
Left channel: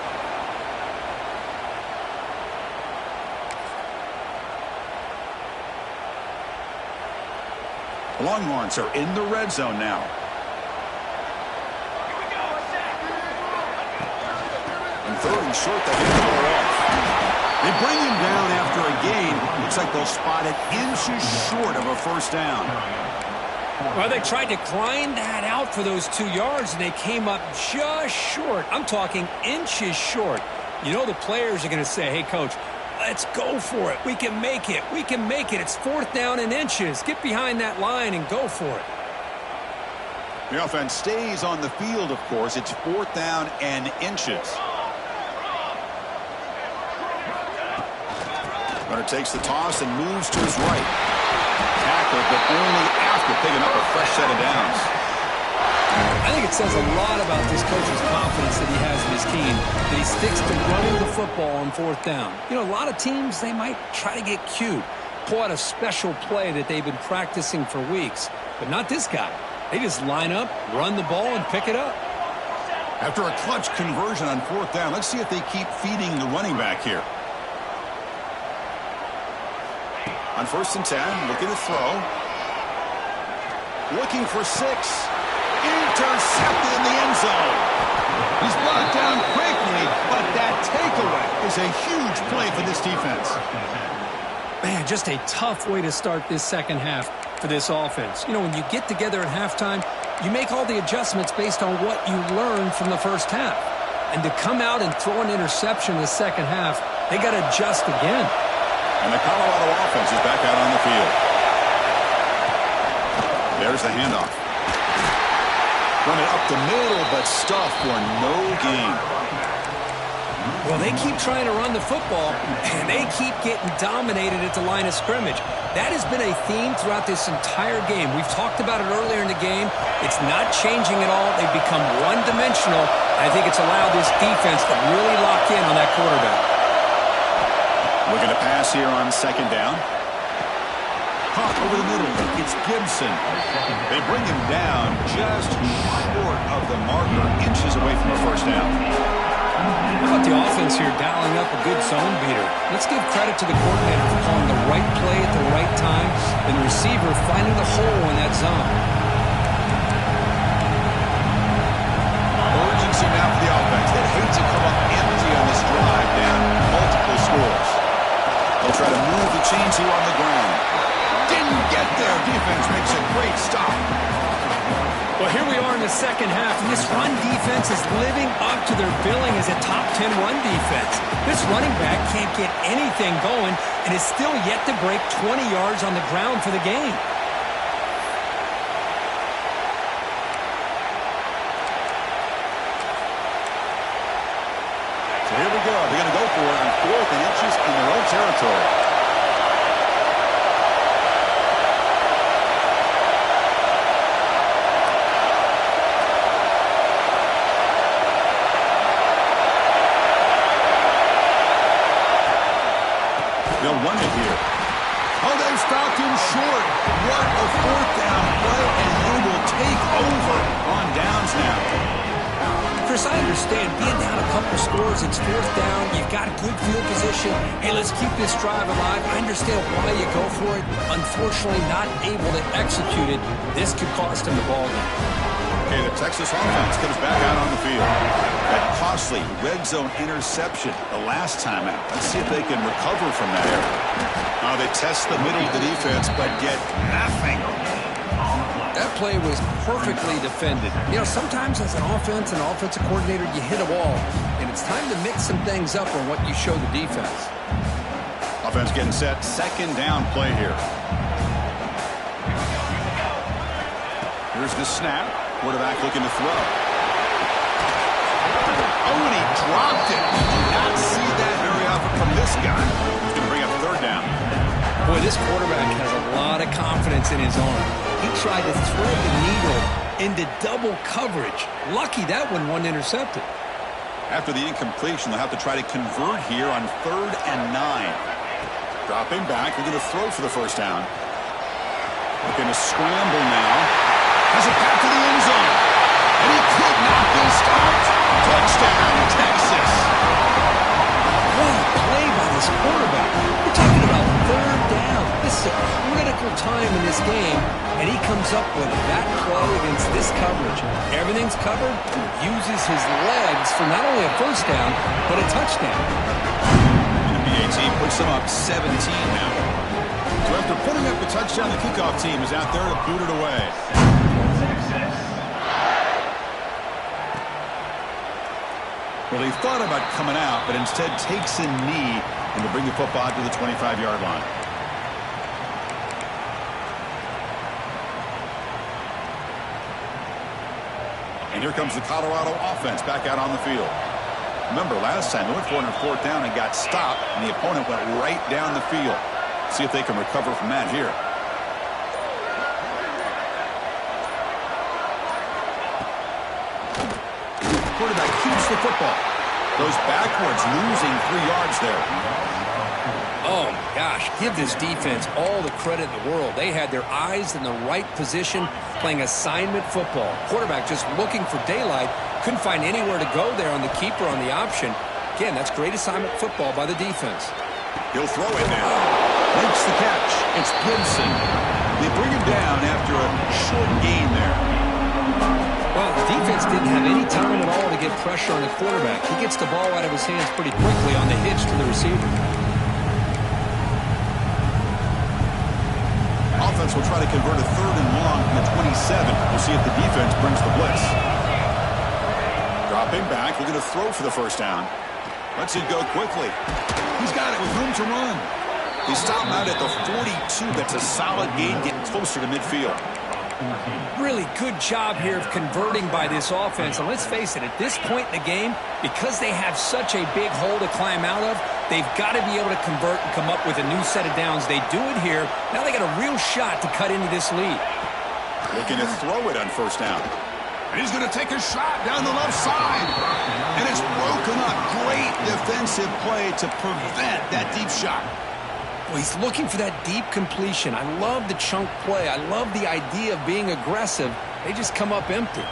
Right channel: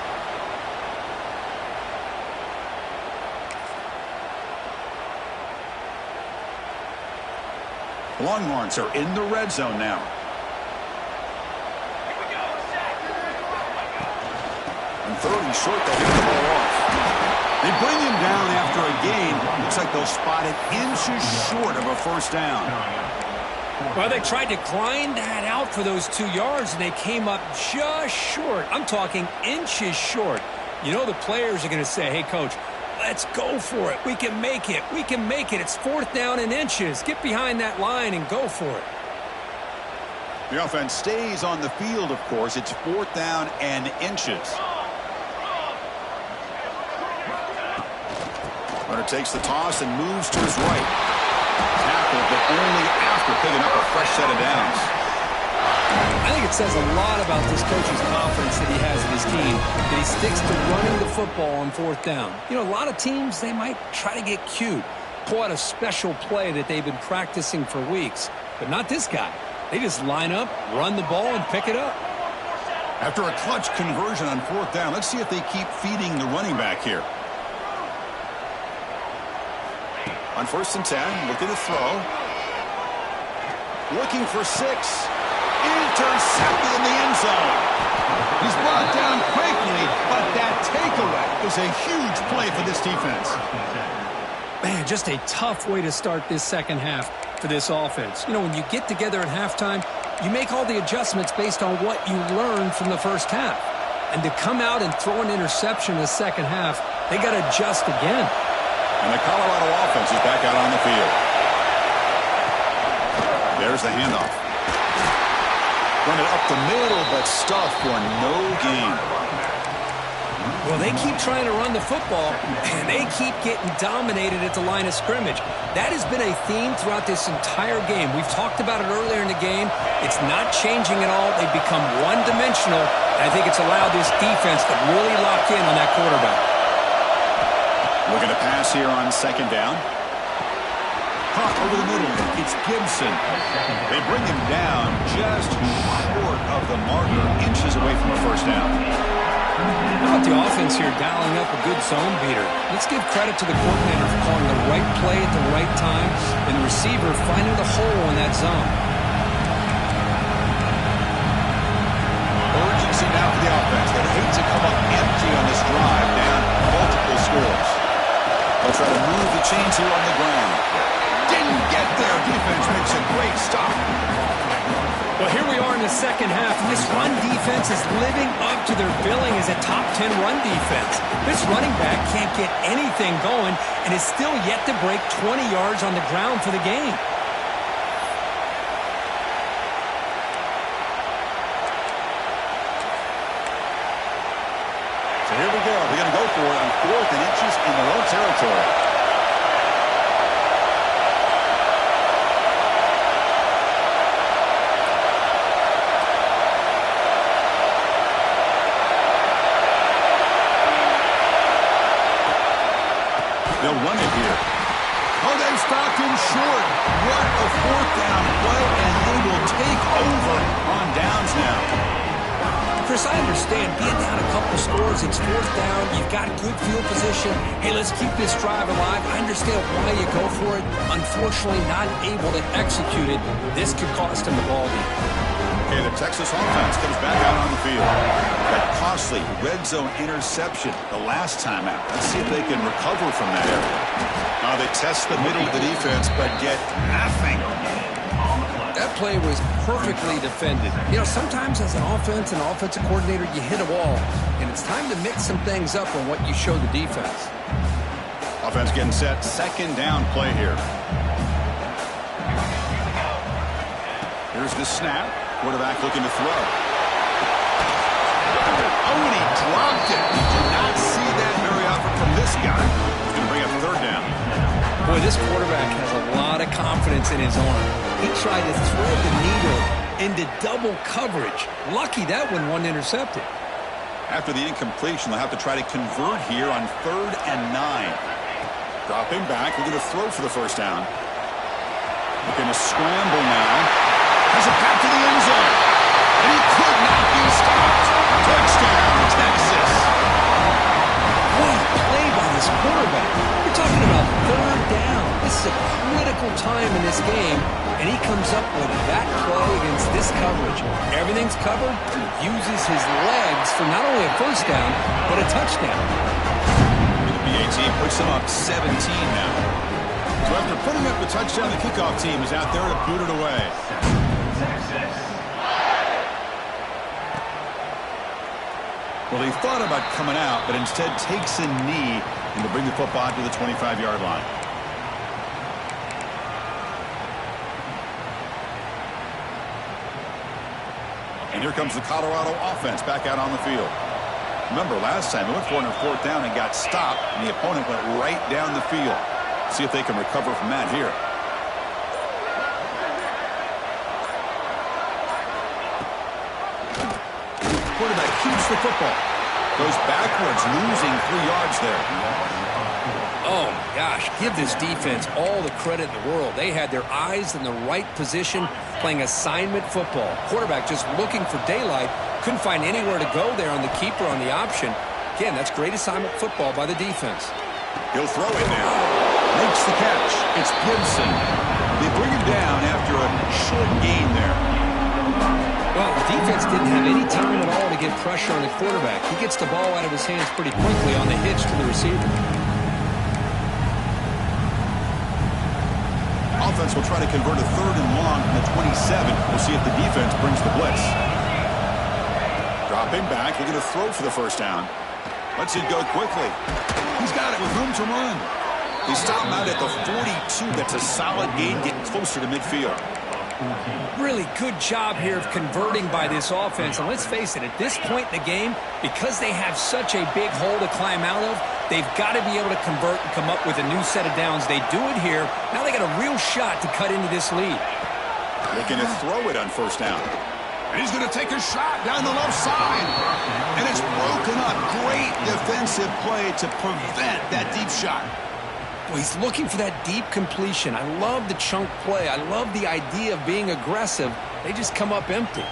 The Longhorns are in the red zone now. On 3rd and short, they hand the ball off. They bring him down after a gain. Looks like they'll spot it inches short of a first down. Well, they tried to grind that out for those 2 yards, and they came up just short. I'm talking inches short. You know the players are going to say, hey, Coach, let's go for it. We can make it. We can make it. It's 4th down in inches. Get behind that line and go for it. The offense stays on the field, of course. It's 4th down and inches. Runner takes the toss and moves to his right. Tackled, but only after picking up a fresh set of downs. I think it says a lot about this coach's confidence that he has in his team, that he sticks to running the football on 4th down. You know, a lot of teams, they might try to get cute, pull out a special play that they've been practicing for weeks. But not this guy. They just line up, run the ball, and pick it up. After a clutch conversion on 4th down, let's see if they keep feeding the running back here. On 1st and 10, looking to throw. Looking for 6. Intercepted in the end zone. He's brought down quickly, but that takeaway is a huge play for this defense. Man, just a tough way to start this second half for this offense. You know, when you get together at halftime, you make all the adjustments based on what you learned from the first half. And to come out and throw an interception in the second half, they got to adjust again. And the Colorado offense is back out on the field. There's the handoff. Run it up the middle, but stuffed for no gain. Well, they keep trying to run the football, and they keep getting dominated at the line of scrimmage. That has been a theme throughout this entire game. We've talked about it earlier in the game. It's not changing at all. They've become one-dimensional, and I think it's allowed this defense to really lock in on that quarterback. Looking to pass here on 2nd down. Caught over the middle. It's Gibson. They bring him down just short of the marker, inches away from a first down. How about the offense here dialing up a good zone beater? Let's give credit to the coordinator for calling the right play at the right time and the receiver finding the hole in that zone. Urgency now for the offense. They'd hate to come up empty on this drive, down multiple scores. They'll try to move the chains here on the ground. Didn't get there. Defense makes a great stop. Well, here we are in the second half, and this run defense is living up to their billing as a top 10 run defense. This running back can't get anything going and is still yet to break 20 yards on the ground for the game. So here we go. They're going to go for it on 4th and inches in their own territory. They'll run it here. Oh, they've stopped him short. What a 4th down play, and they will take over on downs now. Chris, I understand being down a couple scores, it's 4th down, you've got good field position. Hey, let's keep this drive alive. I understand why you go for it. Unfortunately, not able to execute it. This could cost him the ball game. Okay, the Texas offense comes back out on the field. That costly red zone interception the last time out. Let's see if they can recover from that error. Now they test the middle of the defense, but get nothing. That play was perfectly defended. You know, sometimes as an offense and offensive coordinator, you hit a wall, and it's time to mix some things up on what you show the defense. Offense getting set. 2nd down play here. Here's the snap. Quarterback looking to throw. Oh, and he dropped it. You do not see that very often stop from this guy. He's going to bring up third down. Boy, this quarterback has a lot of confidence in his arm. He tried to thread the needle into double coverage. Lucky that one wasn't intercepted. After the incompletion, they'll have to try to convert here on 3rd and 9. Dropping back, they're going to throw for the first down. Looking to scramble now. Has a path to the end zone. And he could not be stopped. Touchdown, Texas. What a play by this quarterback. We're talking about 3rd down. This is a critical time in this game, and he comes up with that play against this coverage. Everything's covered. He uses his legs for not only a first down, but a touchdown. And the BA team puts them up 17 now. So after putting up the touchdown, the kickoff team is out there to boot it away. Well, he thought about coming out, but instead takes a knee and to bring the football to the 25-yard line. And here comes the Colorado offense back out on the field. Remember, last time they went for it on 4th down and got stopped, and the opponent went right down the field. See if they can recover from that here. Quarterback keeps the football. Goes backwards, losing 3 yards there. Oh, my gosh. Give this defense all the credit in the world. They had their eyes in the right position, playing assignment football. Quarterback just looking for daylight. Couldn't find anywhere to go there on the keeper on the option. Again, that's great assignment football by the defense. He'll throw it now. Makes the catch. It's Gibson. They bring him down after a short gain there. Well, the defense didn't have any time at all to get pressure on the quarterback. He gets the ball out of his hands pretty quickly on the hitch to the receiver. Offense will try to convert a 3rd and long from the 27. We'll see if the defense brings the blitz. Dropping back, looking to throw for the first down. Lets it go quickly. He's got it with room to run. They stop him out at the 42. That's a solid gain, getting closer to midfield. Really good job here of converting by this offense. And let's face it, at this point in the game, because they have such a big hole to climb out of, they've got to be able to convert and come up with a new set of downs. They do it here. Now they got a real shot to cut into this lead. Looking to throw it on 1st down. And he's going to take a shot down the left side. And it's broken up. Great defensive play to prevent that deep shot. Well, he's looking for that deep completion. I love the chunk play. I love the idea of being aggressive. They just come up empty.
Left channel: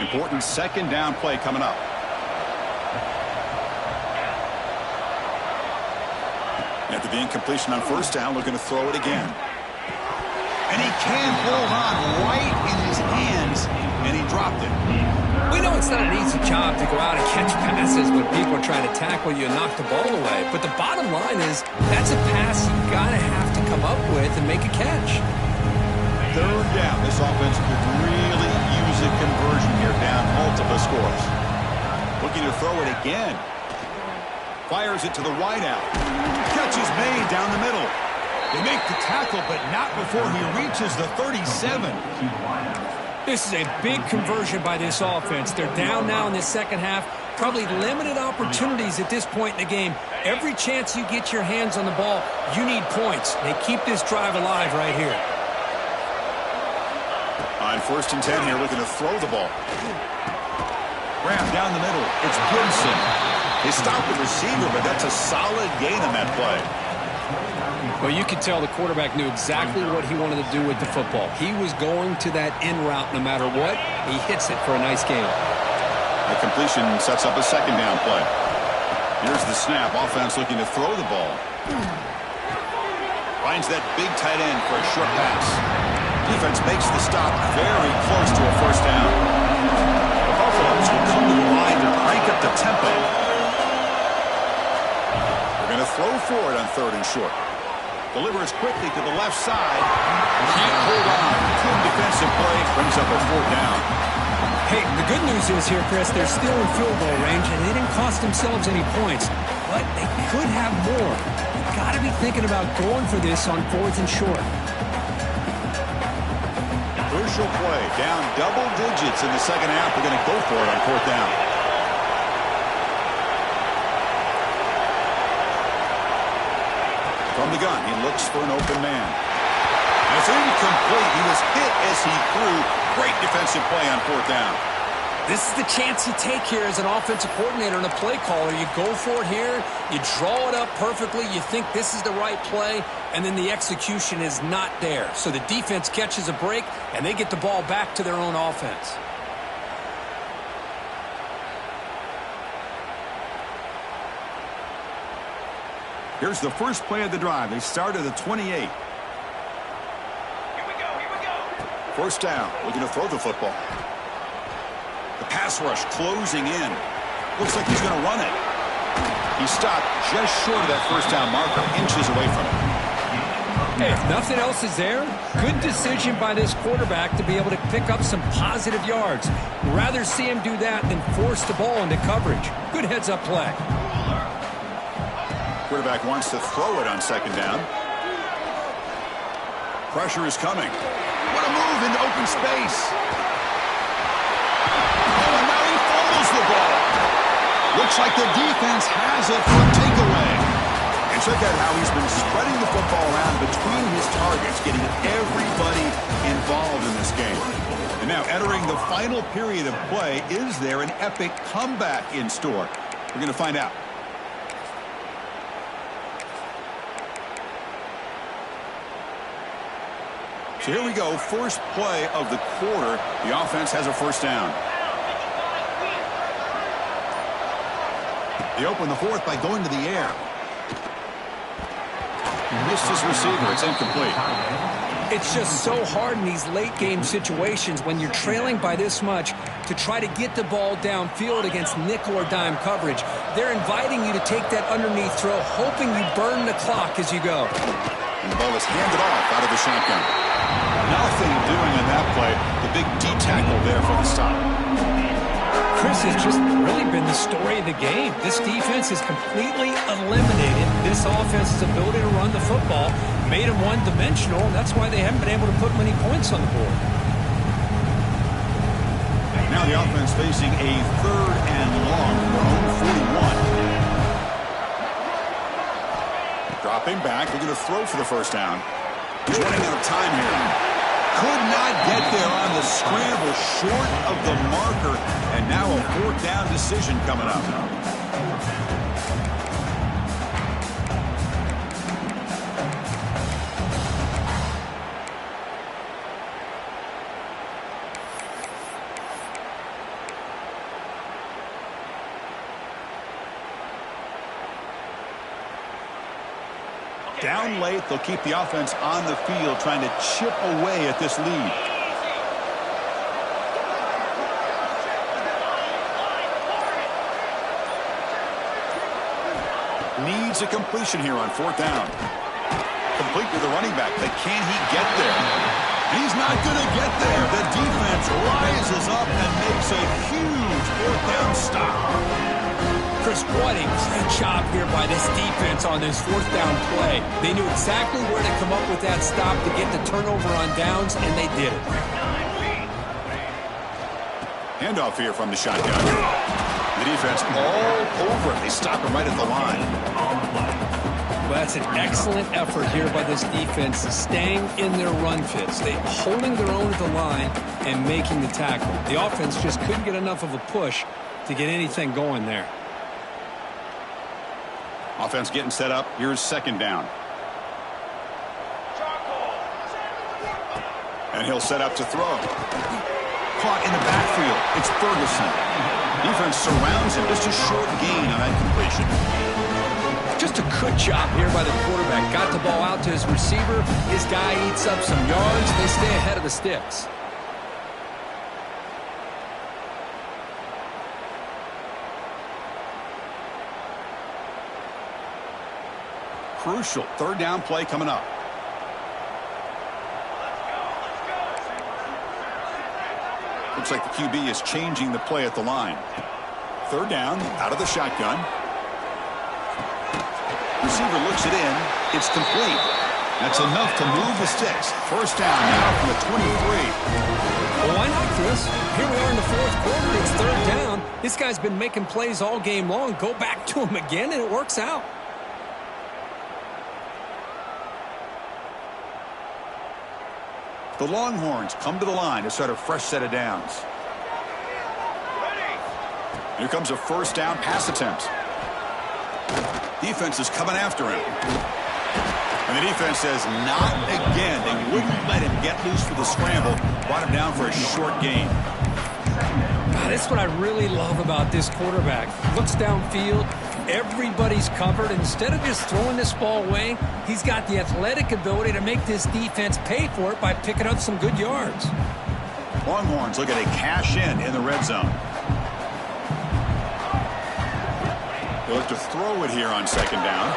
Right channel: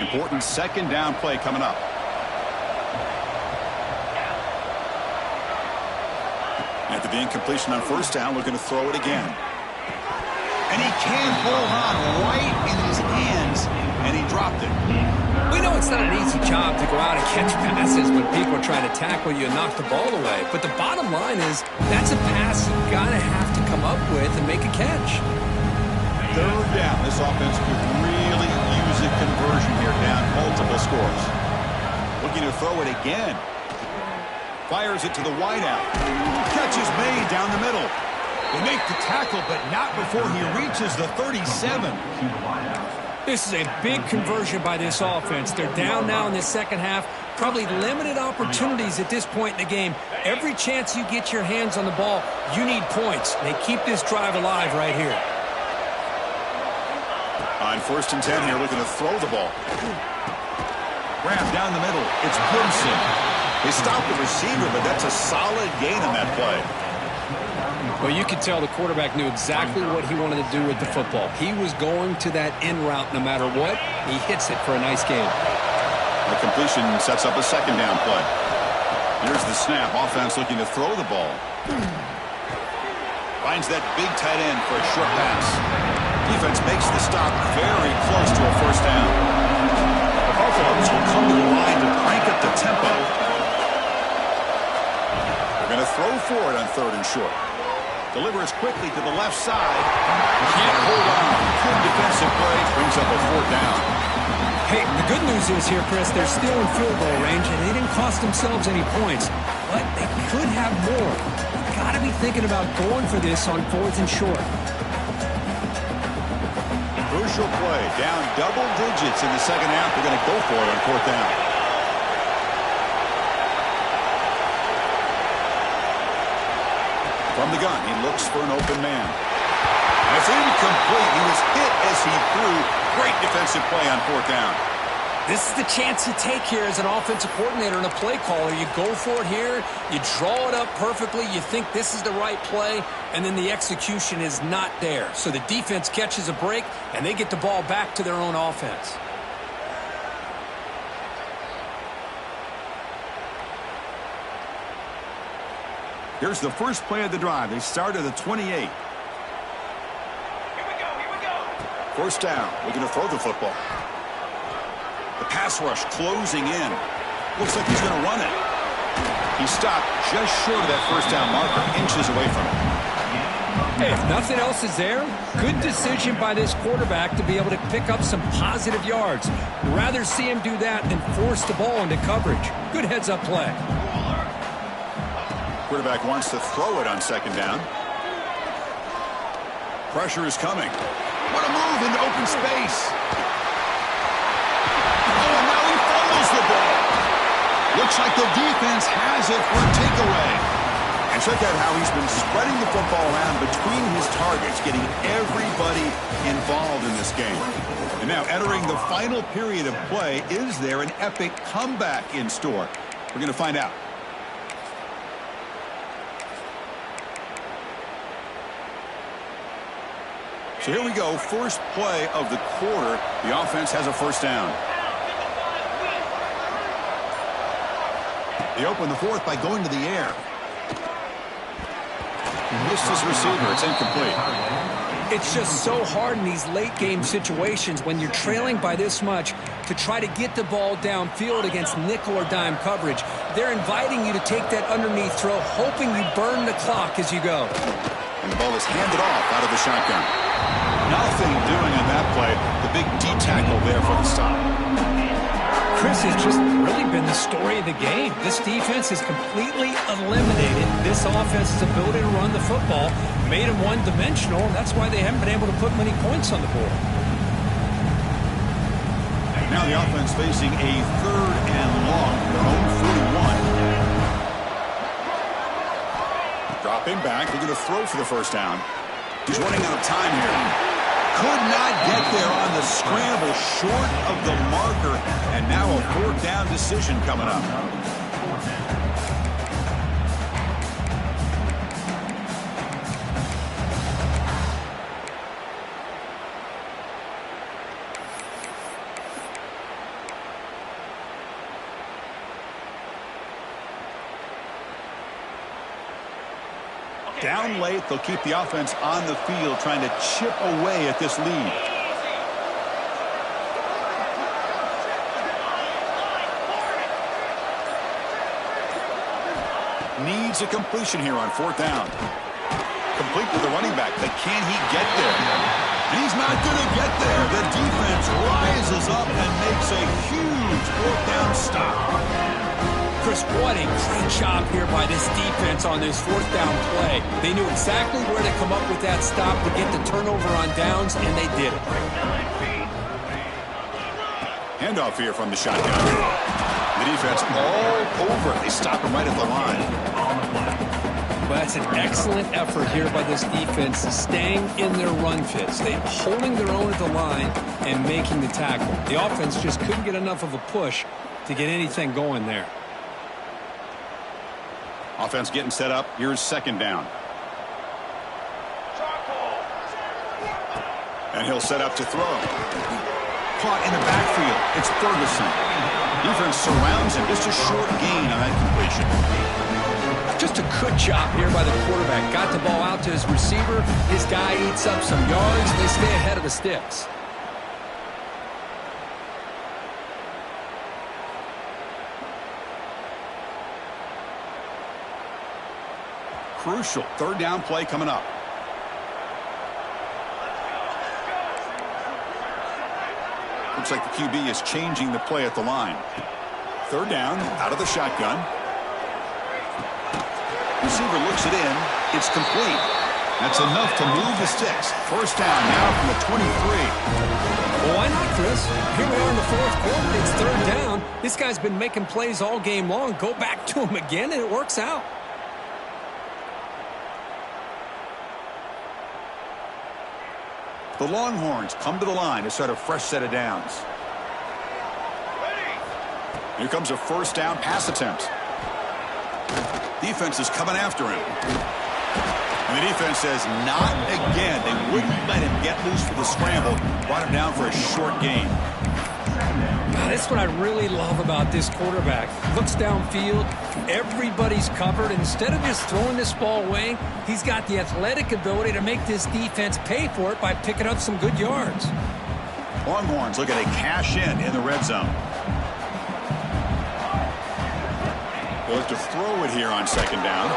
Important 2nd down play coming up. After the incompletion on 1st down, looking to throw it again. And he can't hold on right in his hands, and he dropped it. We know it's not an easy job to go out and catch passes when people are trying to tackle you and knock the ball away. But the bottom line is that's a pass you got to have to come up with and make a catch. 3rd down. This offense could really use a conversion here, down multiple scores. Looking to throw it again. Fires it to the wideout. Catch is made down the middle. They make the tackle, but not before he reaches the 37. This is a big conversion by this offense. They're down now in the 2nd half. Probably limited opportunities at this point in the game. Every chance you get your hands on the ball, you need points. They keep this drive alive right here. On 1st and 10 here, looking to throw the ball. Grab down the middle. It's Gibson. They stopped the receiver, but that's a solid gain on that play. Well, you could tell the quarterback knew exactly what he wanted to do with the football. He was going to that in route no matter what. He hits it for a nice gain. The completion sets up a 2nd down play. Here's the snap. Offense looking to throw the ball. Finds that big tight end for a short pass. Defense makes the stop very close to a 1st down. The Buffaloes will come to the line to crank up the tempo. They're going to throw for it on 3rd and short. Delivers quickly to the left side. Can't hold on. Good defensive play. Brings up a 4th down. Hey, the good news is here, Chris, they're still in field goal range, and they didn't cost themselves any points. But they could have more. You've got to be thinking about going for this on 4th and short. Crucial play. Down double digits in the second half. They're going to go for it on 4th down. From the gun, he looks for an open man. And it's incomplete. He was hit as he threw. Great defensive play on 4th down. This is the chance you take here as an offensive coordinator and a play caller. You go for it here. You draw it up perfectly. You think this is the right play, and then the execution is not there. So the defense catches a break, and they get the ball back to their own offense. Here's the first play of the drive. They start at the 28. Here we go. 1st down. Looking to throw the football. The pass rush closing in. Looks like he's going to run it. He stopped just short of that 1st down marker, inches away from it. Hey, if nothing else is there, good decision by this quarterback to be able to pick up some positive yards. Rather see him do that than force the ball into coverage. Good heads-up play. Quarterback wants to throw it on 2nd down. Pressure is coming. What a move into open space. Oh, and now he fumbles the ball. Looks like the defense has it for a takeaway. And check out how he's been spreading the football around between his targets, getting everybody involved in this game. And now entering the final period of play, is there an epic comeback in store? We're going to find out. So here we go, first play of the quarter. The offense has a 1st down. They open the 4th by going to the air. Missed his receiver. It's incomplete. It's just so hard in these late-game situations when you're trailing by this much to try to get the ball downfield against nickel or dime coverage. They're inviting you to take that underneath throw, hoping you burn the clock as you go. And the ball is handed off out of the shotgun. Nothing doing on that play. The big D tackle there for the stop. Chris, has just really been the story of the game. This defense has completely eliminated this offense's ability to run the football, made them one-dimensional, and that's why they haven't been able to put many points on the board. Now the offense facing a 3rd and long, their own 41. Dropping back, they're going to throw for the 1st down. He's running out of time here. Could not get there on the scramble, short of the marker, and now a 4th down decision coming up. Down late, they'll keep the offense on the field, trying to chip away at this lead. Needs a completion here on 4th down. Complete with the running back, but can he get there? And he's not going to get there. The defense rises up and makes a huge 4th down stop. Chris, what a great job here by this defense on this 4th down play. They knew exactly where to come up with that stop to get the turnover on downs, and they did it. Handoff here from the shotgun. The defense all over it. They stop him right at the line. Well, that's an excellent effort here by this defense, staying in their run fits. They holding their own at the line and making the tackle. The offense just couldn't get enough of a push to get anything going there. Offense getting set up. Here's 2nd down. And he'll set up to throw. Caught in the backfield. It's Ferguson. Defense surrounds him. Just a short gain on that completion. Just a good job here by the quarterback. Got the ball out to his receiver. His guy eats up some yards. They stay ahead of the sticks. crucial. Third down play coming up. Looks like the QB is changing the play at the line. Third down, out of the shotgun. Receiver looks it in. It's complete. That's enough to move the sticks. First down now from the 23. Well, why not, Chris? Here we are in the fourth quarter. It's third down. This guy's been making plays all game long. Go back to him again, and it works out. The Longhorns come to the line to start a fresh set of downs. Here comes a first down pass attempt. Defense is coming after him. And the defense says, not again. They wouldn't let him get loose for the scramble. Brought him down for a short gain. That's what I really love about this quarterback. Looks downfield. Everybody's covered. Instead of just throwing this ball away, he's got the athletic ability to make this defense pay for it by picking up some good yards. Longhorns looking to cash in the red zone. They'll look to throw it here on second down.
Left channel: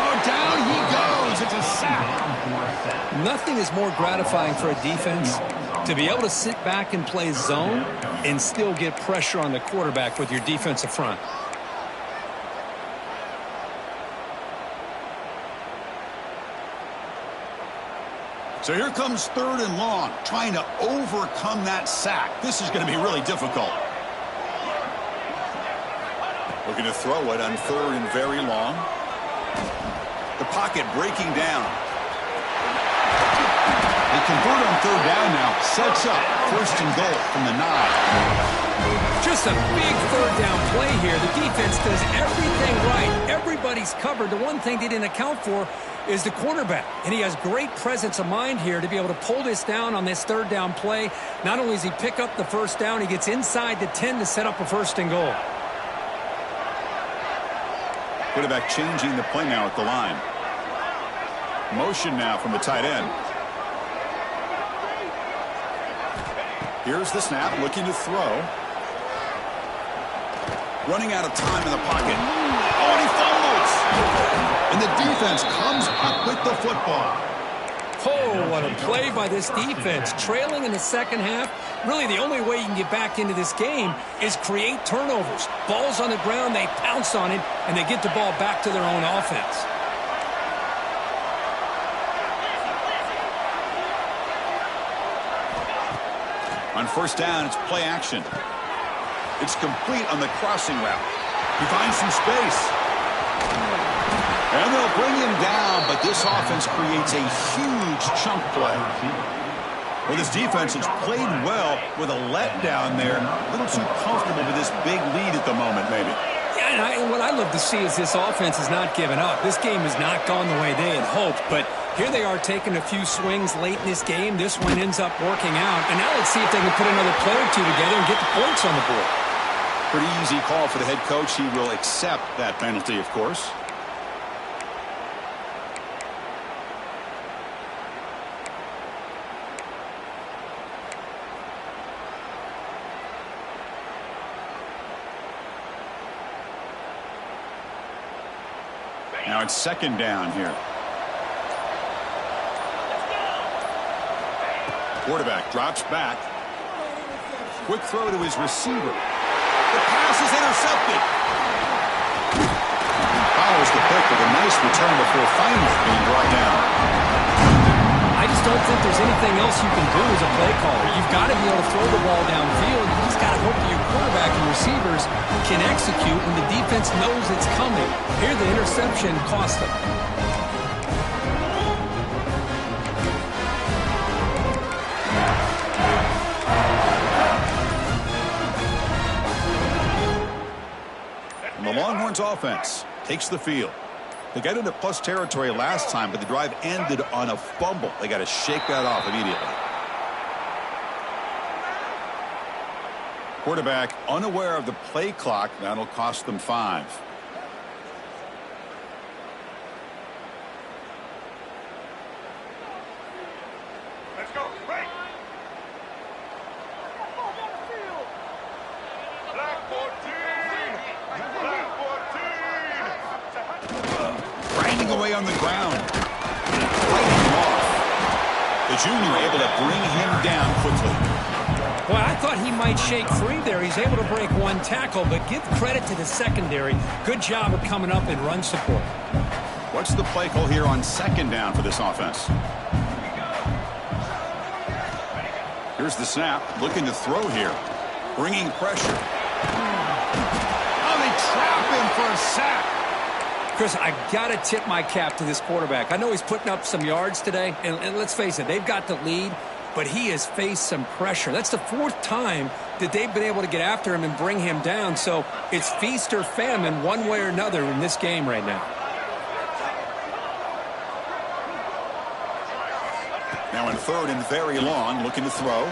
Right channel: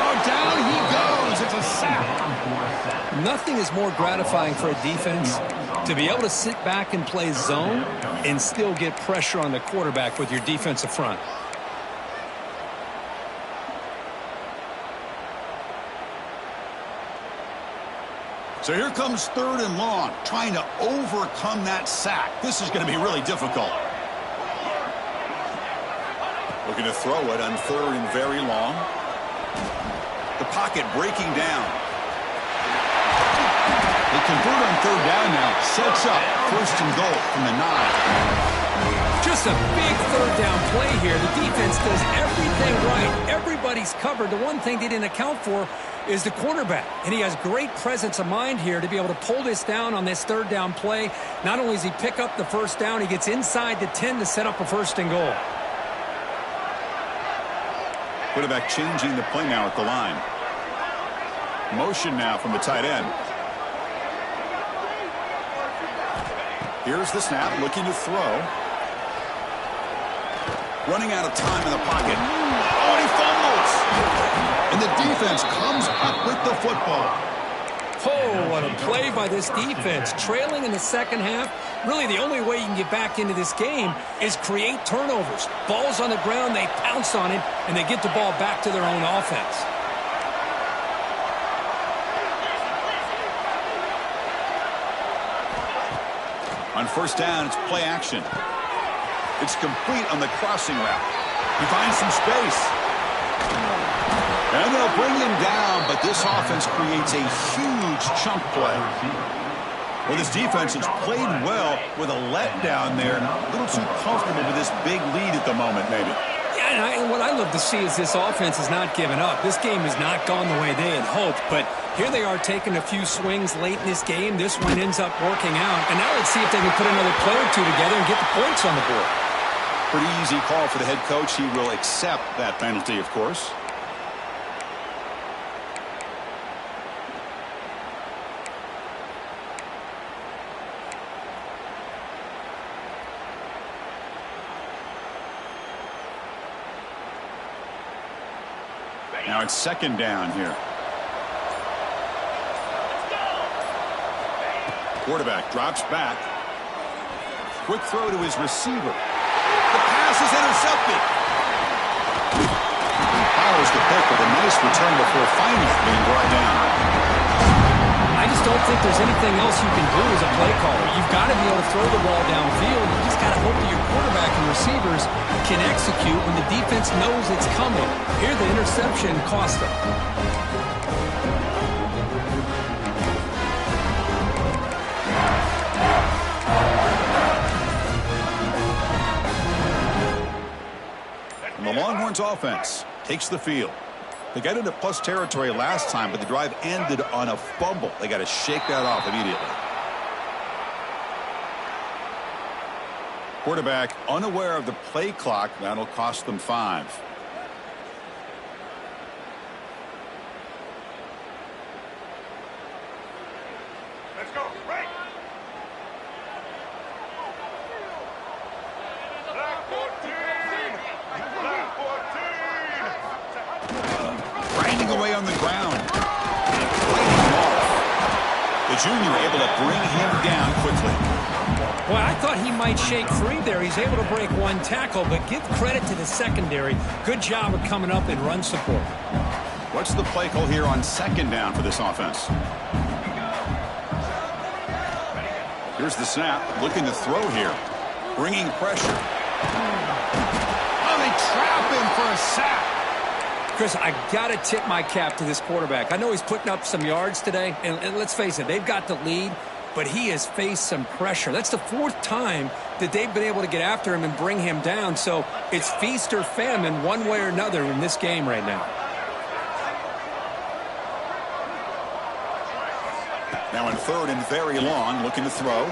Oh, down he goes. It's a sack. Nothing is more gratifying for a defense to be able to sit back and play zone and still get pressure on the quarterback with your defensive front. So here comes third and long, trying to overcome that sack. This is going to be really difficult. Looking to throw it on third and very long. The pocket breaking down. They convert on third down now. Sets up first and goal from the 9. Just a big third down play here. The defense does everything right. Everybody's covered. The one thing they didn't account for is the quarterback. And he has great presence of mind here to be able to pull this down on this third down play. Not only does he pick up the first down, he gets inside the 10 to set up a first and goal. Quarterback changing the play now at the line. Motion now from the tight end. Here's the snap, looking to throw. Running out of time in the pocket. Oh, and he fumbles. And the defense comes up with the football. Oh, what a play by this defense. Trailing in the second half. Really, the only way you can get back into this game is create turnovers. Ball's on the ground, they pounce on it, and they get the ball back to their own offense. On first down, it's play action. It's complete on the crossing route. He finds some space. And they'll bring him down, but this offense creates a huge chunk play. Well, this defense has played well with a letdown there. A little too comfortable with this big lead at the moment, maybe. Yeah, and what I love to see is this offense has not given up. This game has not gone the way they had hoped, but here they are taking a few swings late in this game. This one ends up working out, and now let's see if they can put another play or two together and get the points on the board. Pretty easy call for the head coach. He will accept that penalty, of course. Now it's second down here. Quarterback drops back. Quick throw to his receiver. The pass is intercepted. Follows the pick with a nice return before finally being brought down. I just don't think there's anything else you can do as a play caller. You've got to be able to throw the ball downfield. You just got to hope that your quarterback and receivers can execute when the defense knows it's coming. Here, the interception cost them. And the Longhorns offense takes the field. They got into plus territory last time, but the drive ended on a fumble. They got to shake that off immediately. Quarterback unaware of the play clock. That'll cost them 5. Let's go. Break. Black 14. Black 14. grinding away on the ground. Fighting him off. The junior able to bring him down quickly. Well, I thought he might shake free there. He's able to break one tackle, but give credit to the secondary. Good job of coming up in run support. What's the play call here on second down for this offense? Here's the snap. Looking to throw here. Bringing pressure. Oh, they trap him for a sack. Chris, I got to tip my cap to this quarterback. I know he's putting up some yards today, and let's face it, they've got the lead, but he has faced some pressure. That's the fourth time that they've been able to get after him and bring him down, so it's feast or famine one way or another in this game right now. Now in third and very long, looking to throw.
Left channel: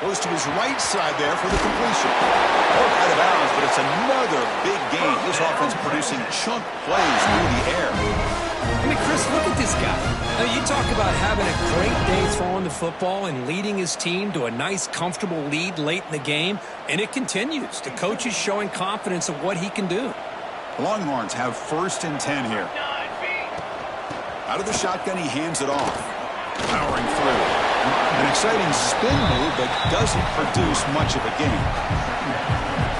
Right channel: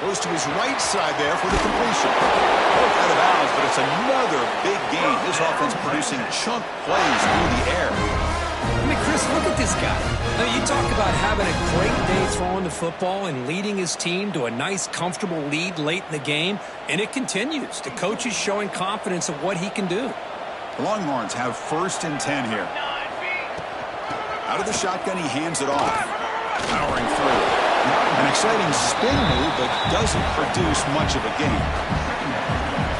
Goes to his right side there for the completion. Both out of bounds, but it's another big game. This offense producing chunk plays through the air. I mean, Chris, look at this guy. I mean, you talk about having a great day throwing the football and leading his team to a nice, comfortable lead late in the game, and it continues. The coach is showing confidence of what he can do. The Longhorns have 1st and 10 here. Out of the shotgun, he hands it off. Powering through. An exciting spin move, but doesn't produce much of a gain.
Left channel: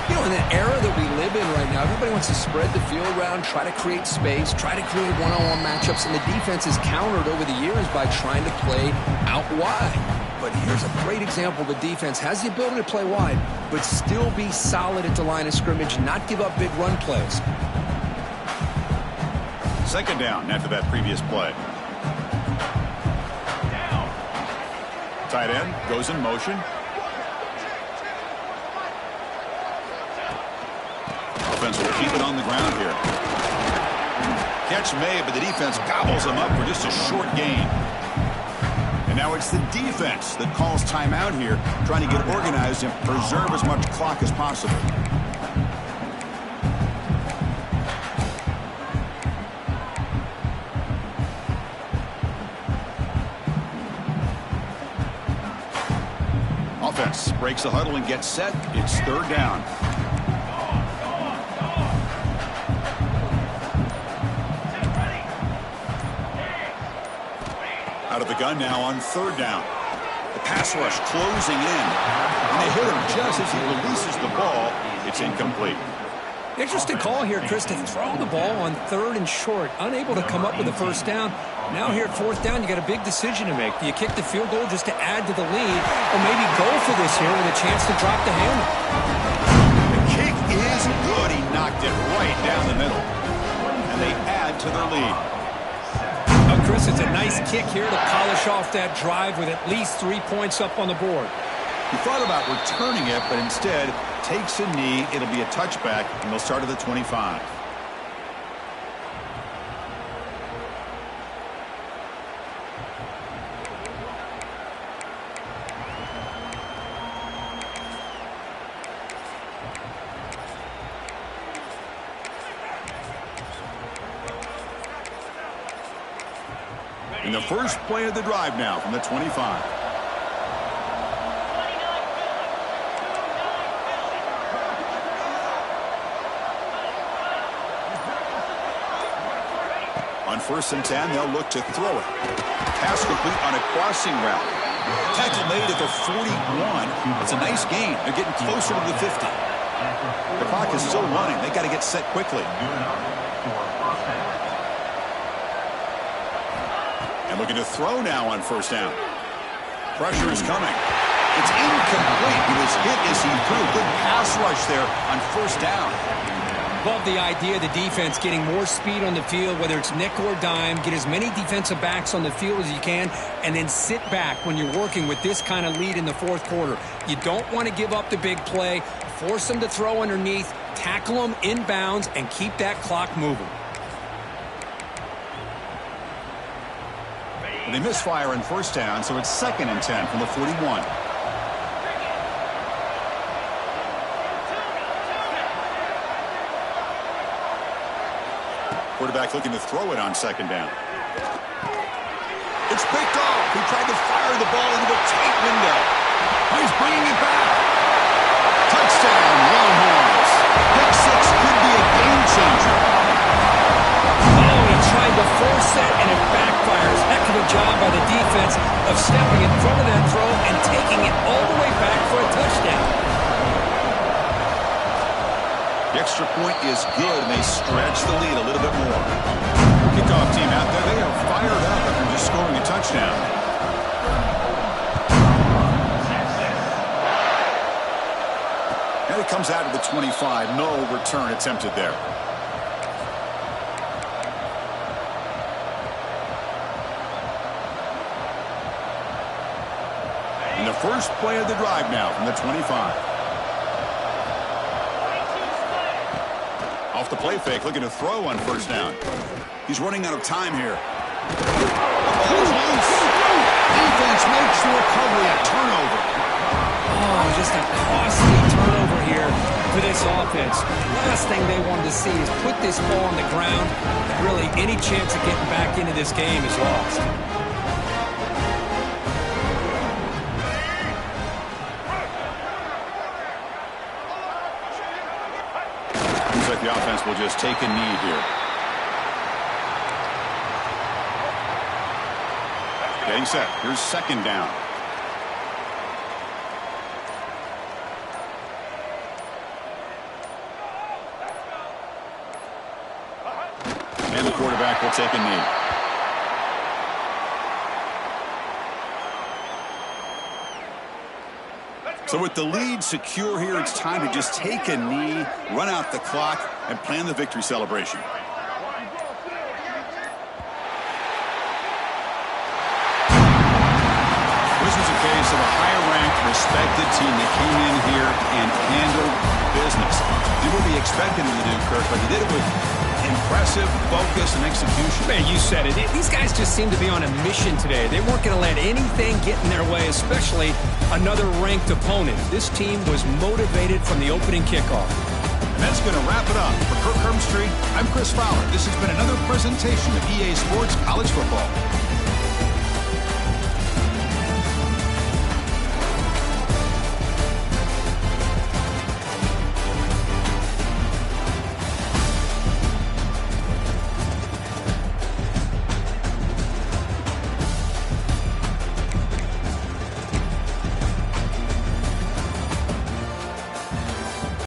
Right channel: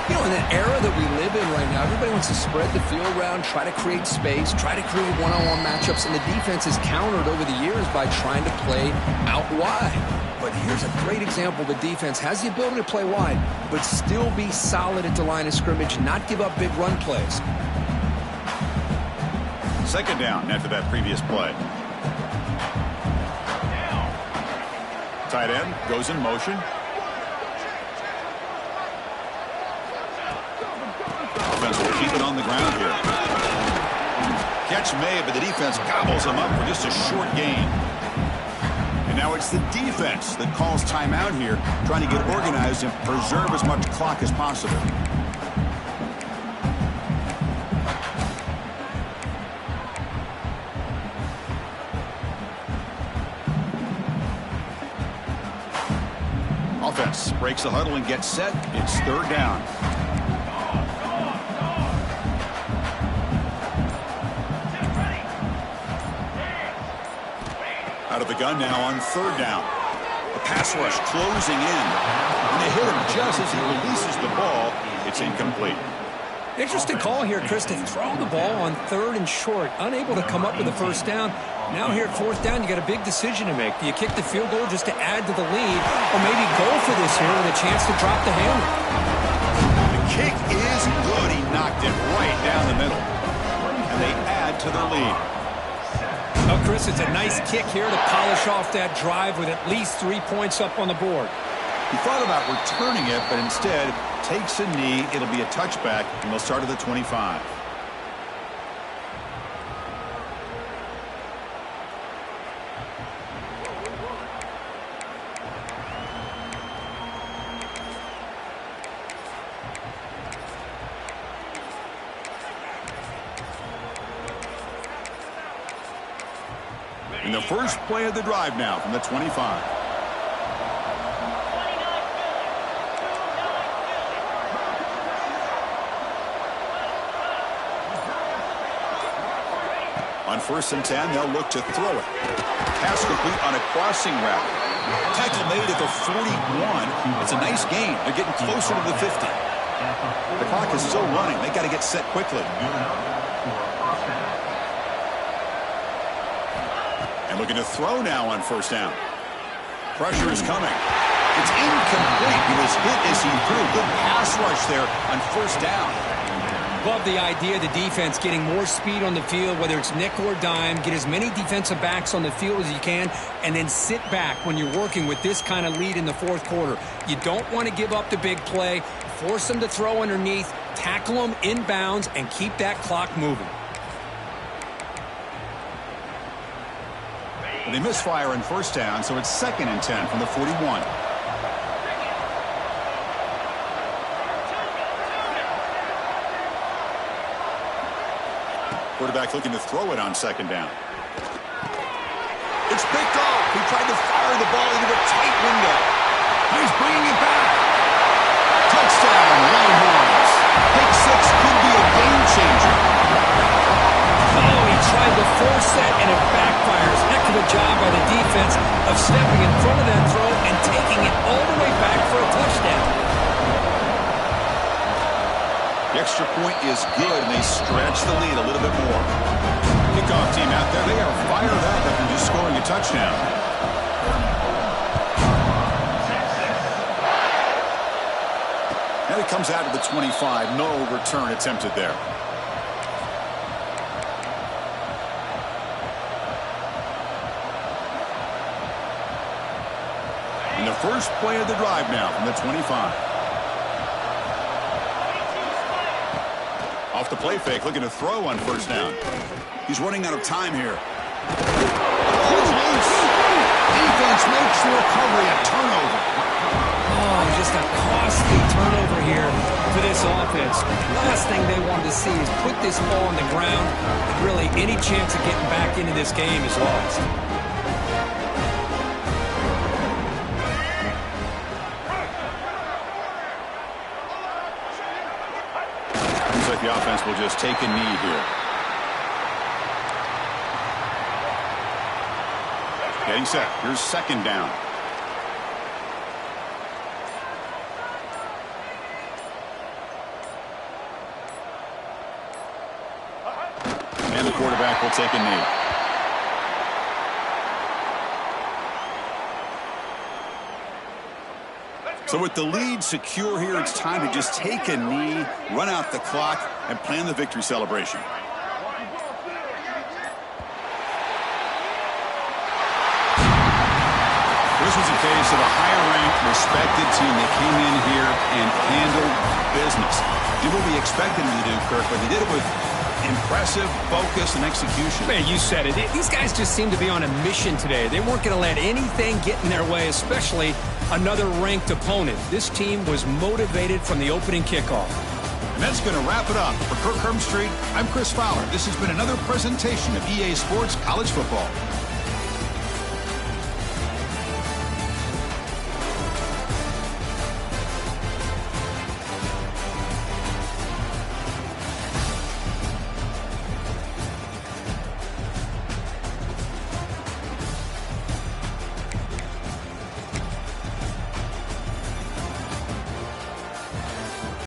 You know, in the era that we live in right now, everybody wants to spread the field around, try to create space, try to create one-on-one matchups, and the defense has countered over the years by trying to play out wide. But here's a great example. The defense has the ability to play wide, but still be solid at the line of scrimmage and not give up big run plays. Second down after that previous play. Tight end goes in motion. Offense will keep it on the ground here. Catch made, but the defense gobbles him up for just a short gain. And now it's the defense that calls timeout here, trying to get organized and preserve as much clock as possible. Offense breaks the huddle and gets set. It's third down. Out of the gun now on third down. The pass rush closing in. And they hit him just as he releases the ball. It's incomplete. Interesting call here, Chris, to throw the ball on third and short. Unable to come up with a first down. Now here at fourth down, you got a big decision to make. Do you kick the field goal just to add to the lead, or maybe go for this here with a chance to drop the hammer? The kick is good. He knocked it right down the middle. And they add to their lead. Oh, Chris, it's a nice kick here to polish off that drive with at least 3 points up on the board. He thought about returning it, but instead takes a knee. It'll be a touchback, and they'll start at the 25. In the first play of the drive now from the 25. On 1st and 10, they'll look to throw it. Pass complete on a crossing route. Tackle made at the 41. It's a nice gain. They're getting closer to the 50. The clock is still running. They got to get set quickly. And looking to throw now on 1st down. Pressure is coming. It's incomplete. He was hit as he threw. Good pass rush there on 1st down. Love the idea, the defense getting more speed on the field, whether it's nickel or dime, get as many defensive backs on the field as you can, and then sit back when you're working with this kind of lead in the fourth quarter. You don't want to give up the big play, force them to throw underneath, tackle them inbounds, and keep that clock moving. They misfire on 1st down, so it's 2nd and 10 from the 41. Quarterback looking to throw it on 2nd down. It's picked off. He tried to fire the ball into a tight window. He's bringing it back. Touchdown, Longhorns. Pick 6 could be a game changer. tried to force that, and it backfires. Heck of a job by the defense of stepping in front of that throw and taking it all the way back for a touchdown. The extra point is good, and they stretch the lead a little bit more. Kickoff team out there, they are fired up after just scoring a touchdown. And it comes out to the 25. No return attempted there. And the first play of the drive now from the 25. Off the play fake, looking to throw on first down. He's running out of time here. The ball is loose. Defense makes the recovery, a turnover. Oh, just a costly turnover here for this offense. Last thing they wanted to see is put this ball on the ground. Really, any chance of getting back into this game is lost. Looks like the offense will just take a knee here. Getting set. Here's second down. And the quarterback will take a knee. So with the lead secure here, it's time to just take a knee, run out the clock, and plan the victory celebration. This was a case of a higher-ranked, respected team that came in here and handled business. Did what we expected them to do, Kirk, but they did it with impressive focus and execution. Man, you said it. These guys just seem to be on a mission today. They weren't going to let anything get in their way, especially another ranked opponent. This team was motivated from the opening kickoff. And that's going to wrap it up. For Kirk Hermstreet, I'm Chris Fowler. This has been another presentation of EA Sports College Football.